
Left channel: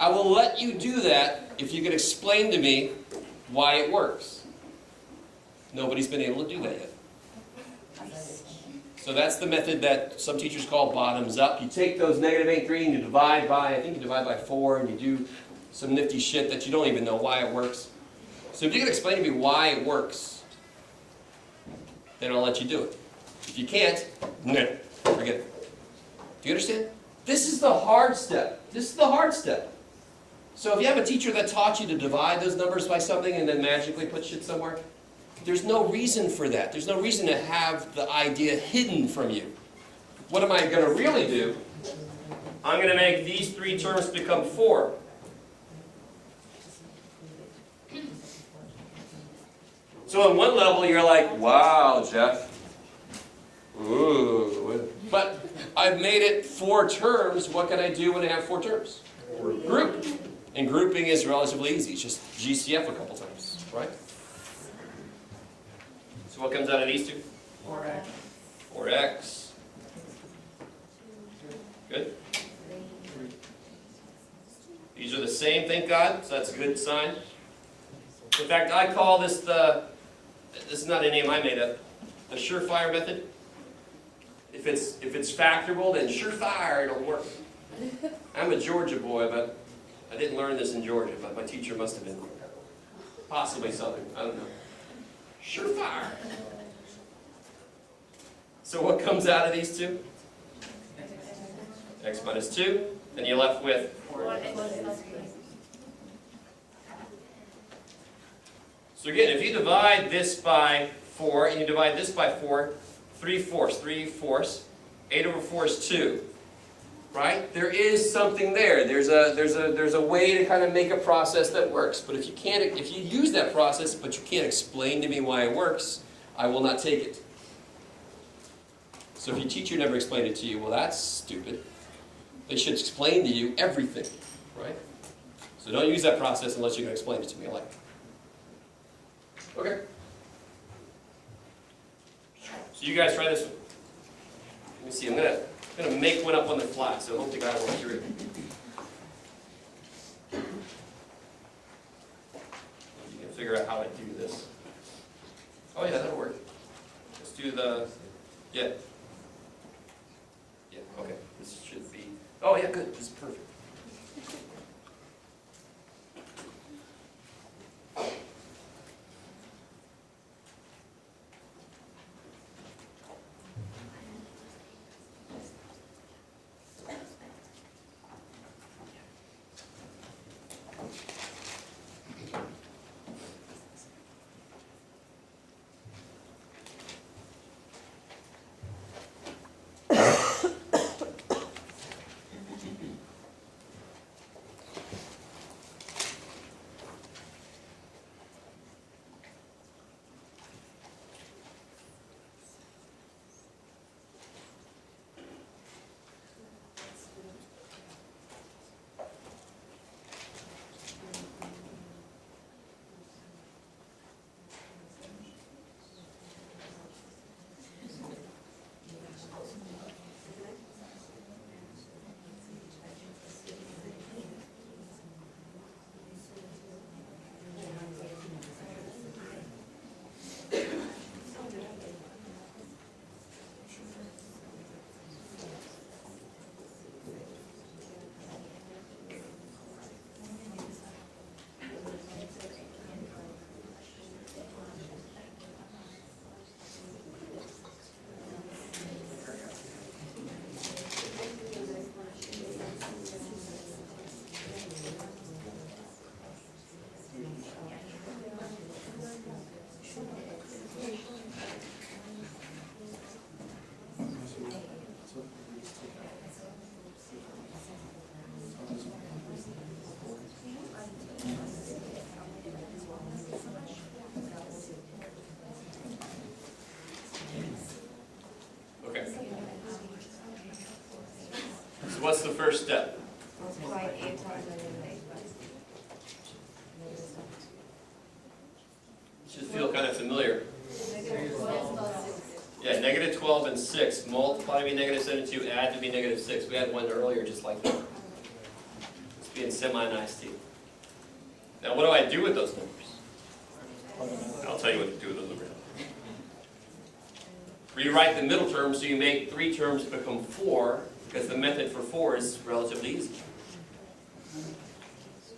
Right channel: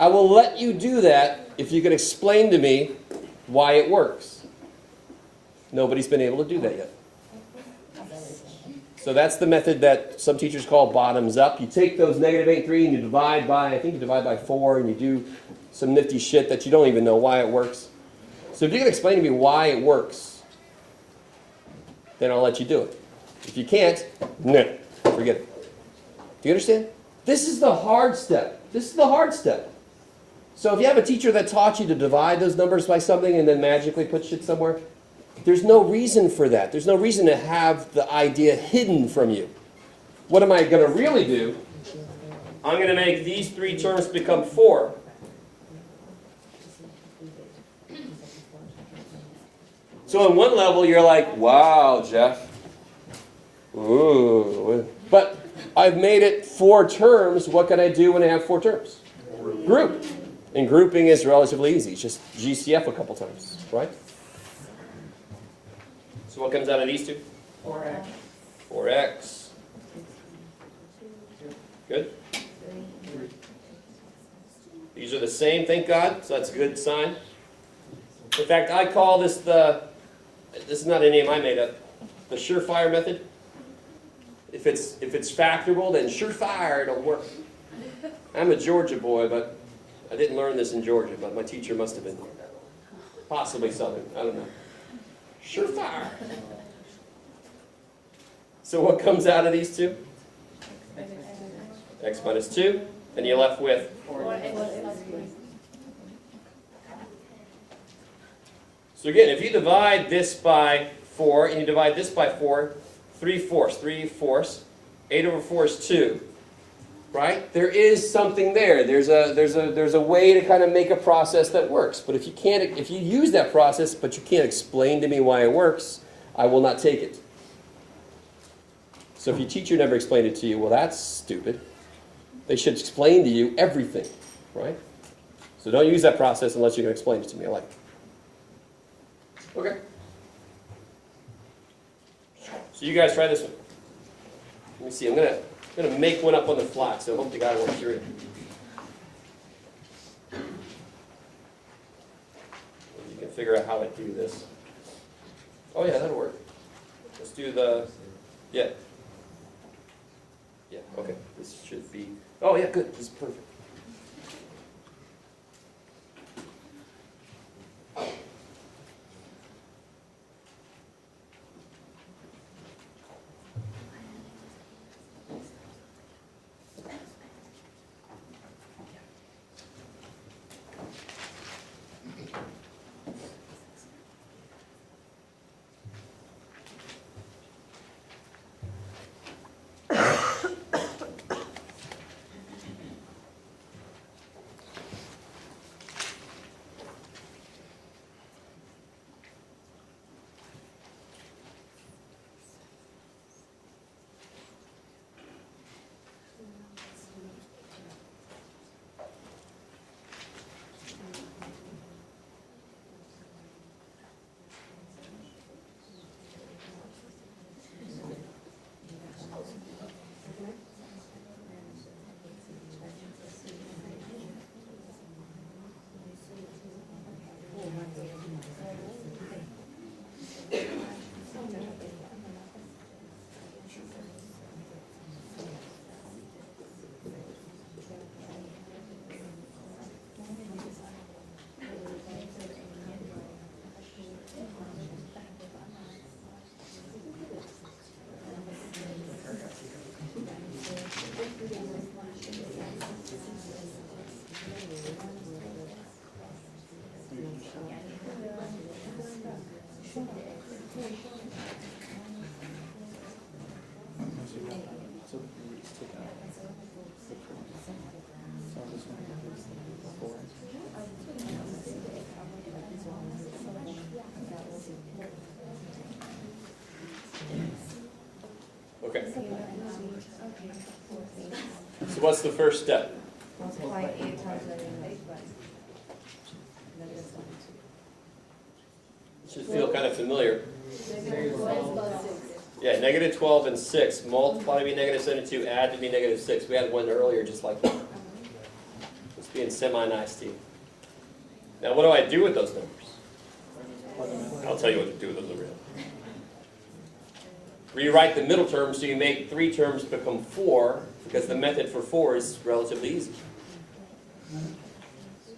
I will let you do that if you can explain to me why it works. Nobody's been able to do that yet. So that's the method that some teachers call bottoms up. You take those negative 8 and 3 and you divide by, I think you divide by 4, and you do some nifty shit that you don't even know why it works. So if you can explain to me why it works, then I'll let you do it. If you can't, no, forget it. Do you understand? This is the hard step. This is the hard step. So if you have a teacher that taught you to divide those numbers by something and then magically put shit somewhere, there's no reason for that. There's no reason to have the idea hidden from you. What am I going to really do? I'm going to make these 3 terms become 4. So on one level, you're like, wow, Jeff. Ooh. But I've made it 4 terms. What can I do when I have 4 terms? Group. And grouping is relatively easy. It's just GCF a couple times, right? So what comes out of these 2? 4x. 4x. Good? These are the same, thank God. So that's a good sign. In fact, I call this this is not a name I made up, the surefire method. If it's factorable, then surefire it'll work. I'm a Georgia boy, but I didn't learn this in Georgia, but my teacher must have been possibly Southern. I don't know. Surefire. So what comes out of these 2? X minus 2, and you're left with 4x. So again, if you divide this by 4 and you divide this by 4, 3/4, 8 over 4 is 2. Right? There is something there. There's a way to kind of make a process that works. But if you use that process but you can't explain to me why it works, I will not take it. So if your teacher never explained it to you, well, that's stupid. They should explain to you everything, right? So don't use that process unless you can explain it to me. I like it. Okay. So you guys try this one. Let me see. I'm gonna make one up on the fly, so I hope the guy won't hear it. You can figure out how to do this. Oh yeah, that'll work. Let's do the yeah. Yeah. Okay. This should be. Oh yeah, good. This is perfect. Okay. So what's the first step? Multiply 8 times negative 8. It should feel kind of familiar. Negative 12. Yeah, negative 12 and 6. Multiply to be negative 72, add to be negative 6. We had one earlier just like that. It's being semi-nice to you. Now what do I do with those numbers? I'll tell you what to do with those numbers. Rewrite the middle term so you make 3 terms become 4, because the method for 4 is relatively easy.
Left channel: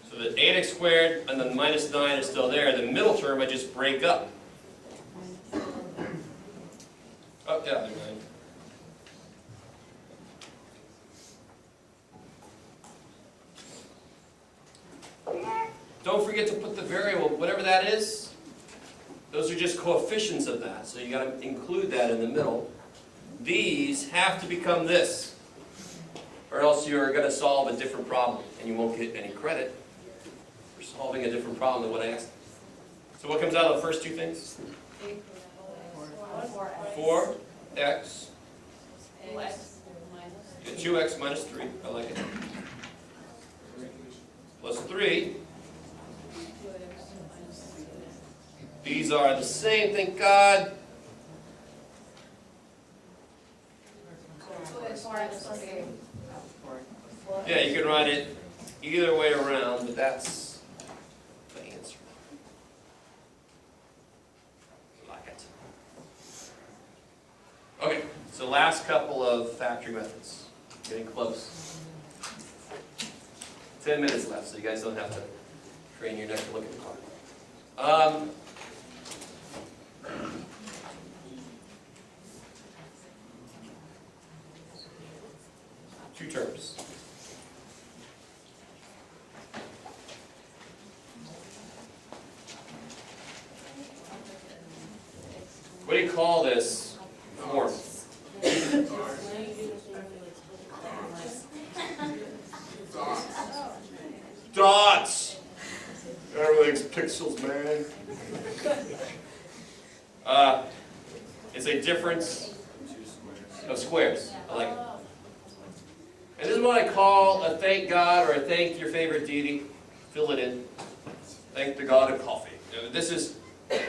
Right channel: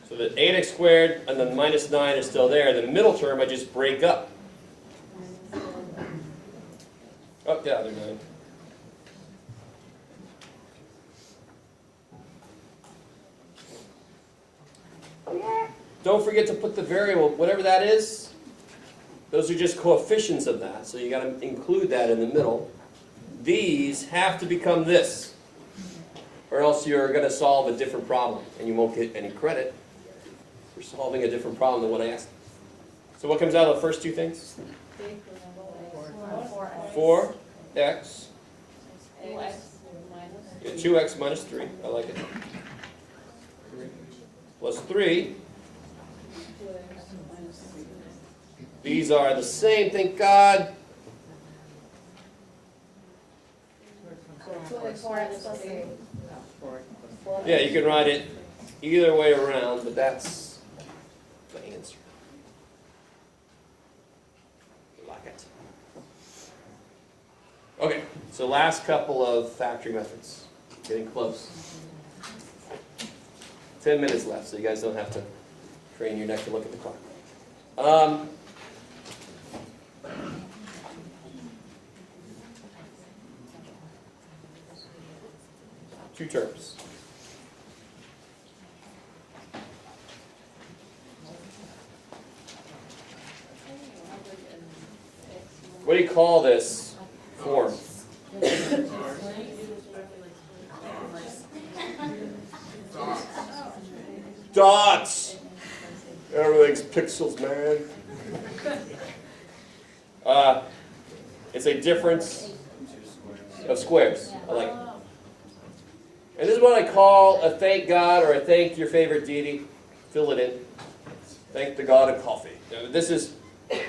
So the 8x squared and the minus 9 are still there. The middle term I just break up. Oh, yeah, they're 9. Don't forget to put the variable, whatever that is. Those are just coefficients of that, so you got to include that in the middle. These have to become this, or else you're going to solve a different problem, and you won't get any credit for solving a different problem than what I asked. So what comes out of the first two things? 4x. 2x minus 3. I like it. Plus 3. These are the same, thank God. Yeah, you can write it either way around, but that's the answer. I like it. Okay, so last couple of factory methods. Getting close. 10 minutes left, so you guys don't have to crane your neck to look at the clock. Two terms. What do you call this form? Dots! Everything's pixels, man. It's a difference of squares. I like it. And this is what I call a thank God or a thank your favorite deity. Fill it in. Thank the God of coffee. Now, this is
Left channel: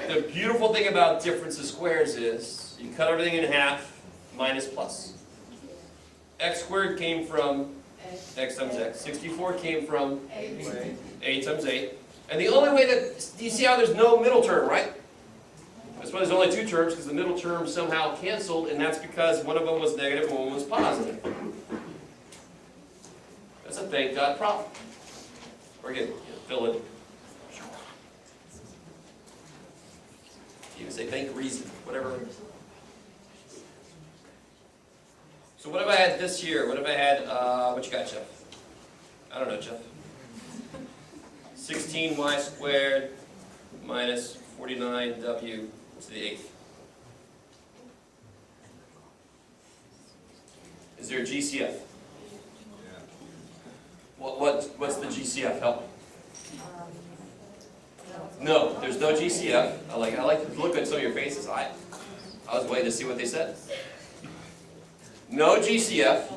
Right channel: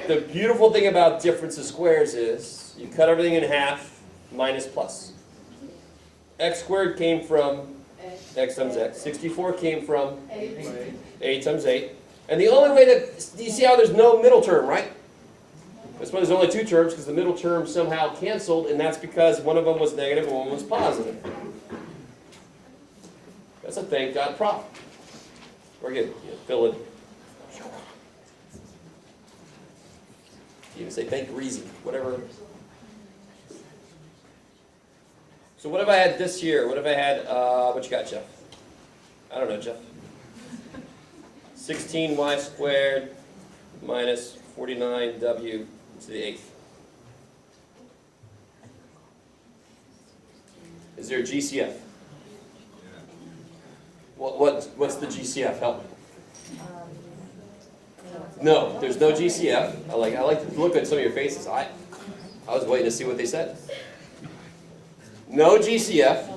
the beautiful thing about difference of squares is you cut everything in half minus plus. X squared came from x times x. 64 came from 8 times 8. And the only way that, do you see how there's no middle term, right? That's why there's only two terms, because the middle term somehow canceled, and that's because one of them was negative and one was positive. That's a thank God problem. Or again, fill in. You can say thank reason, whatever. So what have I had this year? What have I had, what you got, Jeff? I don't know, Jeff. 16y squared minus 49w to the eighth. Is there a GCF? What's the GCF? Help me. No, there's no GCF. I like to look at some of your faces. I was waiting to see what they said. No GCF.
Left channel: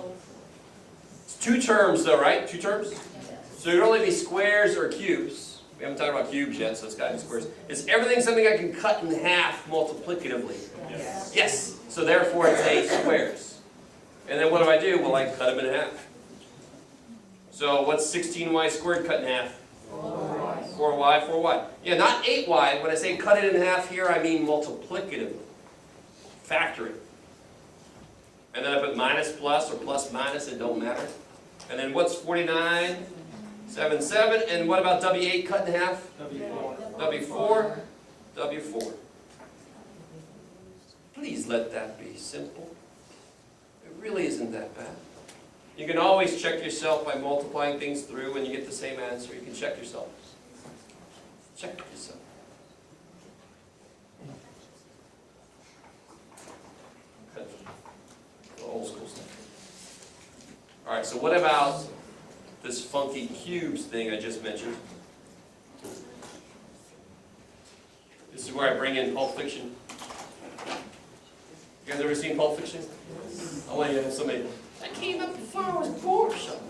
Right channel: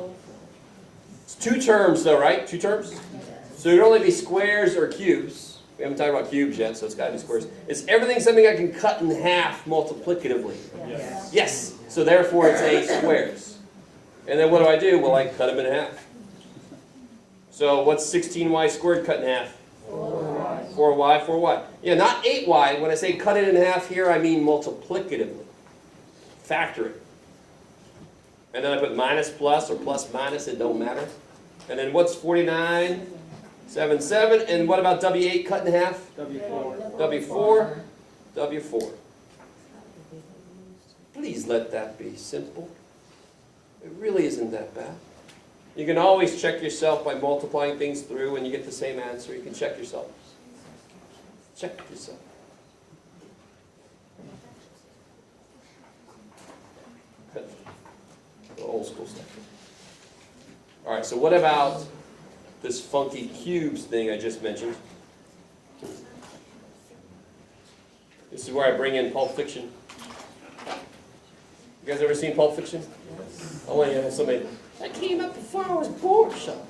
It's two terms though, right? Two terms? So it'd only be squares or cubes. We haven't talked about cubes yet, so it's got to be squares. Is everything something I can cut in half multiplicatively? Yes. Yes. So therefore it's 8 squares. And then what do? Well, I cut them in half. So what's 16y squared cut in half? 4y. Yeah, not 8y. When I say cut it in half here, I mean multiplicatively. Factor it. And then I put minus plus or plus minus, it don't matter. And then what's 49? 7, 7. And what about W8 cut in half? W4. W4. Please let that be simple. It really isn't that bad. You can always check yourself by multiplying things through and you get the same answer. You can check yourself. Check yourself. Old school stuff. Alright, so what about this funky cubes thing I just mentioned? This is where I bring in Pulp Fiction. You guys ever seen Pulp Fiction? I want you to have somebody. I came up before I was born, son.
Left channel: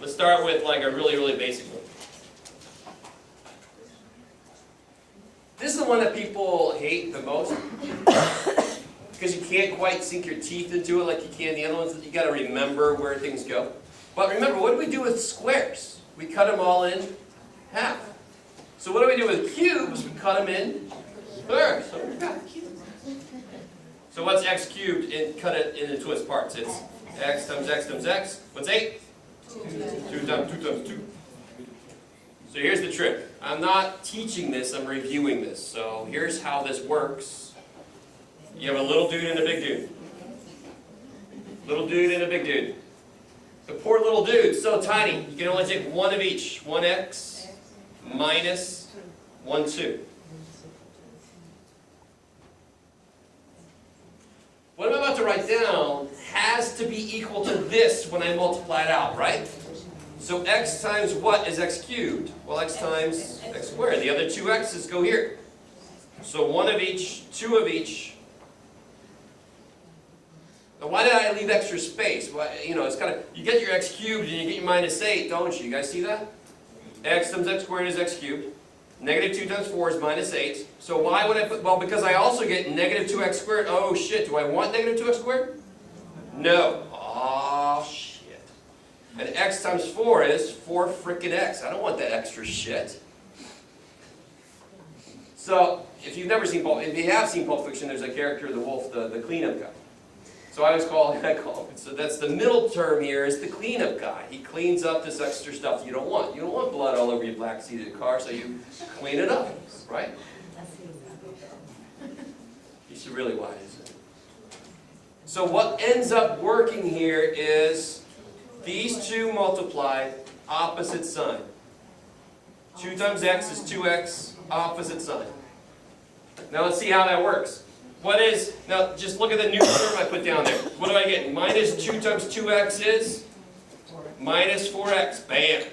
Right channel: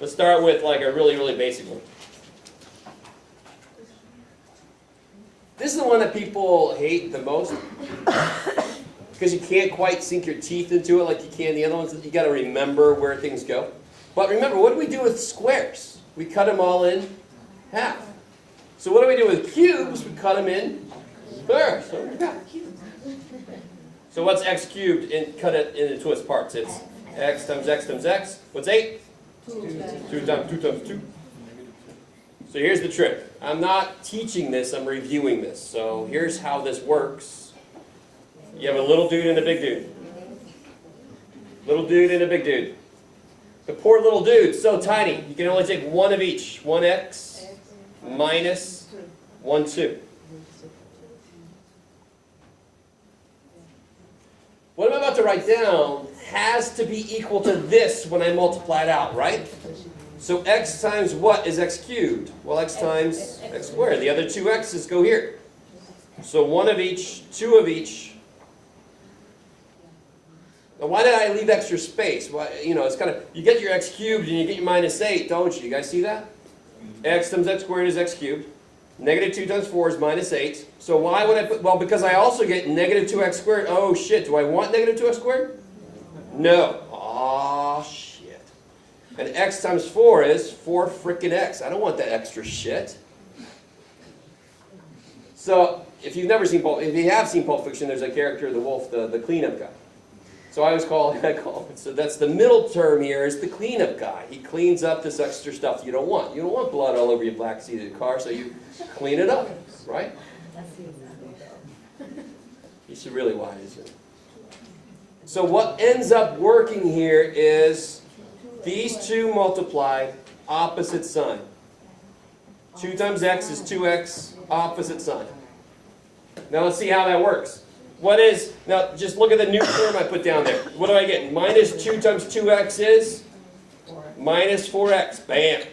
Let's start with like a really, really basic one. This is the one that people hate the most because you can't quite sink your teeth into it like you can the other ones. You got to remember where things go. But remember, what do we do with squares? We cut them all in half. So what do we do with cubes? We cut them in thirds. So we got cubes. So what's x cubed? And cut it into its parts. It's x times x times x. What's 8? 2 times 2. So here's the trick. I'm not teaching this, I'm reviewing this. So here's how this works. You have a little dude and a big dude. Little dude and a big dude. The poor little dude's so tiny, you can only take one of each. 1x minus 1, 2. What I'm about to write down has to be equal to this when I multiply it out, right? So x times what is x cubed? Well, x times x squared. The other two x's go here. So 1 of each, 2 of each. Now, why did I leave extra space? Well, it's kind of, you get your x cubed and you get your minus 8, don't you? You guys see that? X times x squared is x cubed. Negative 2 times 4 is minus 8. So why would I put, well, because I also get negative 2x squared. Oh, shit. Do I want negative 2x squared? No. Oh, shit. And x times 4 is 4 frickin' x. I don't want that extra shit. So, if you have seen Pulp Fiction, there's a character, the wolf, the cleanup guy. So I always call him, so that's the middle term here is the cleanup guy. He cleans up this extra stuff you don't want. You don't want blood all over your black seated car, so you clean it up, right? You see really why is it? So what ends up working here is these two multiplied, opposite sign. 2 times x is 2x, opposite sign. Now let's see how that works. Now just look at the new term I put down there. What do I get? Minus 2 times 2x is minus 4x. Bam.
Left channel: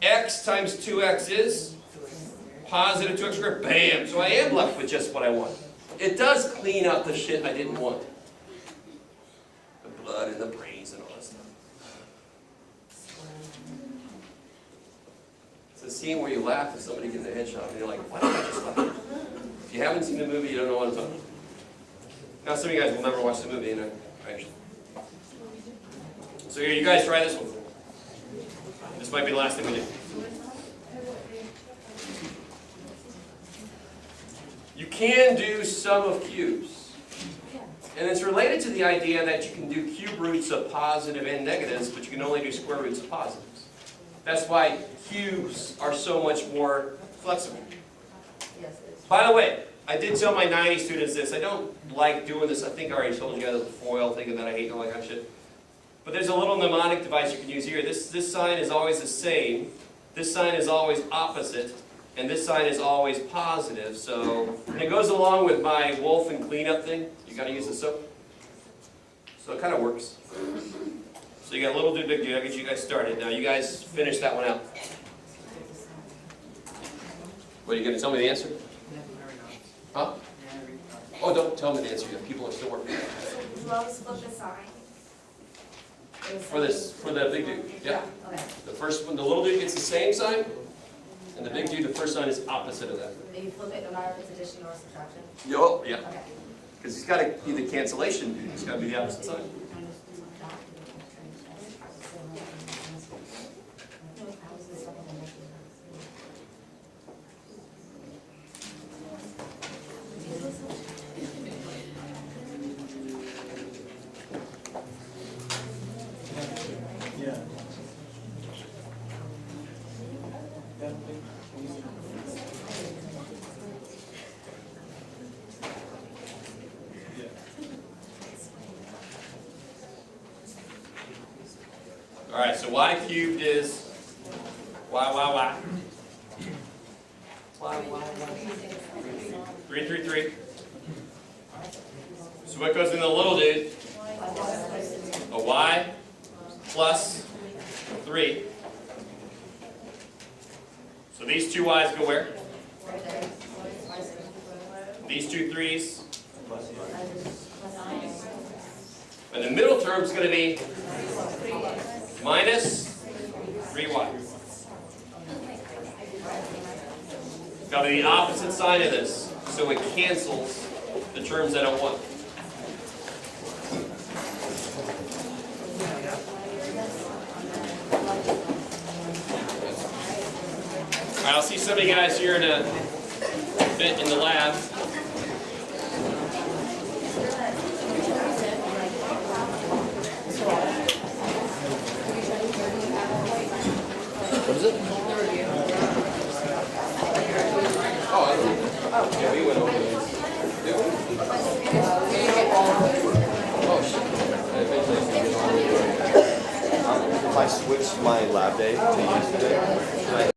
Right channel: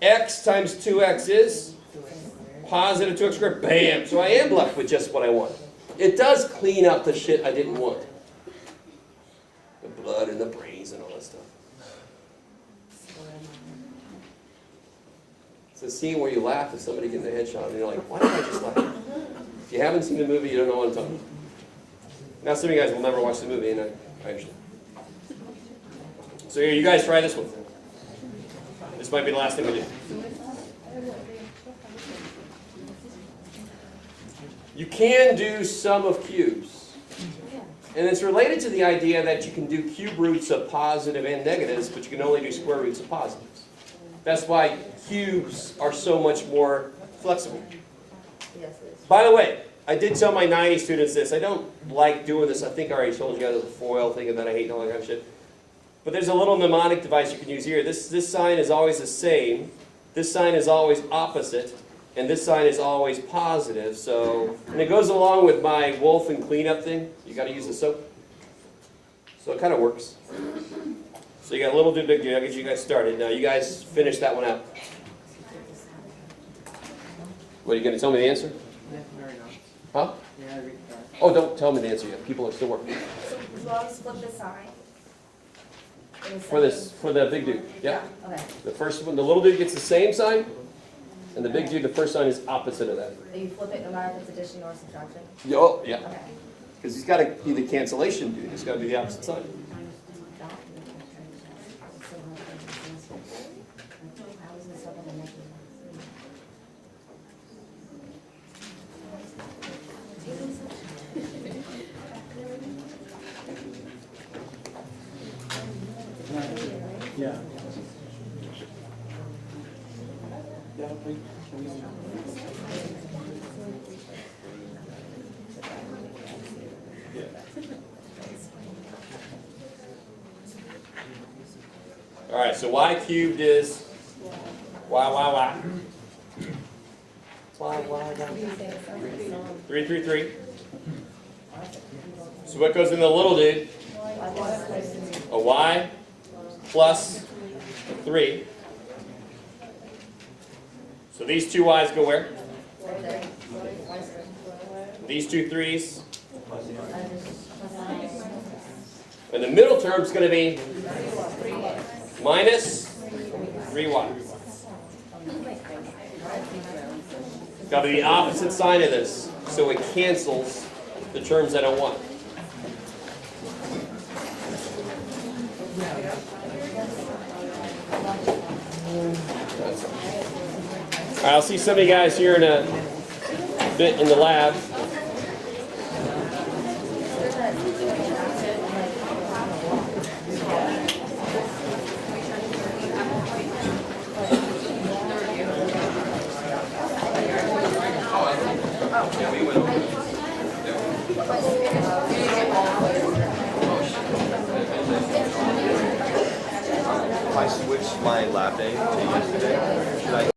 X times 2x is positive 2x squared. Bam. So I am left with just what I want. It does clean up the shit I didn't want. The blood and the brains and all that stuff. So scene where you laugh at somebody getting a headshot and you're like, why don't I just laugh? If you haven't seen the movie, you don't know what I'm talking about. Now some of you guys will never watch the movie, and I understand. So here, you guys try this one. This might be the last thing we do. You can do sum of cubes. And it's related to the idea that you can do cube roots of positive and negatives, but you can only do square roots of positives. That's why cubes are so much more flexible. By the way, I did tell my 90 students this. I don't like doing this. I think I already told you guys the foil thing that I hate and all that kind of shit. But there's a little mnemonic device you can use here. This sign is always the same. This sign is always opposite. And this sign is always positive. So, and it goes along with my wolf and cleanup thing. You got to use the soap. So it kind of works. So you got little do, big do. I guess you guys started. Now you guys finish that one out. What, are you going to tell me the answer? Huh? Oh, don't tell me the answer yet. People are still working. As long as flip the sign. For the big dude. Yeah. Okay. The first one, the little dude gets the same sign, and the big dude, the first sign is opposite of that. And you flip it no matter if it's addition or subtraction? Oh, yeah. Okay. Because it's got to be the cancellation dude. It's got to be the opposite sign. Yeah. All right, so y cubed is y. 333. So what goes in the little dude? A y plus 3. So these two y's go where? These two 3's. And the middle term is going to be minus 3y. It's got to be the opposite sign of this, so it cancels the terms I don't want. All right, I'll see some of you guys here in a bit in the lab. If I switch my lab day to yesterday, should I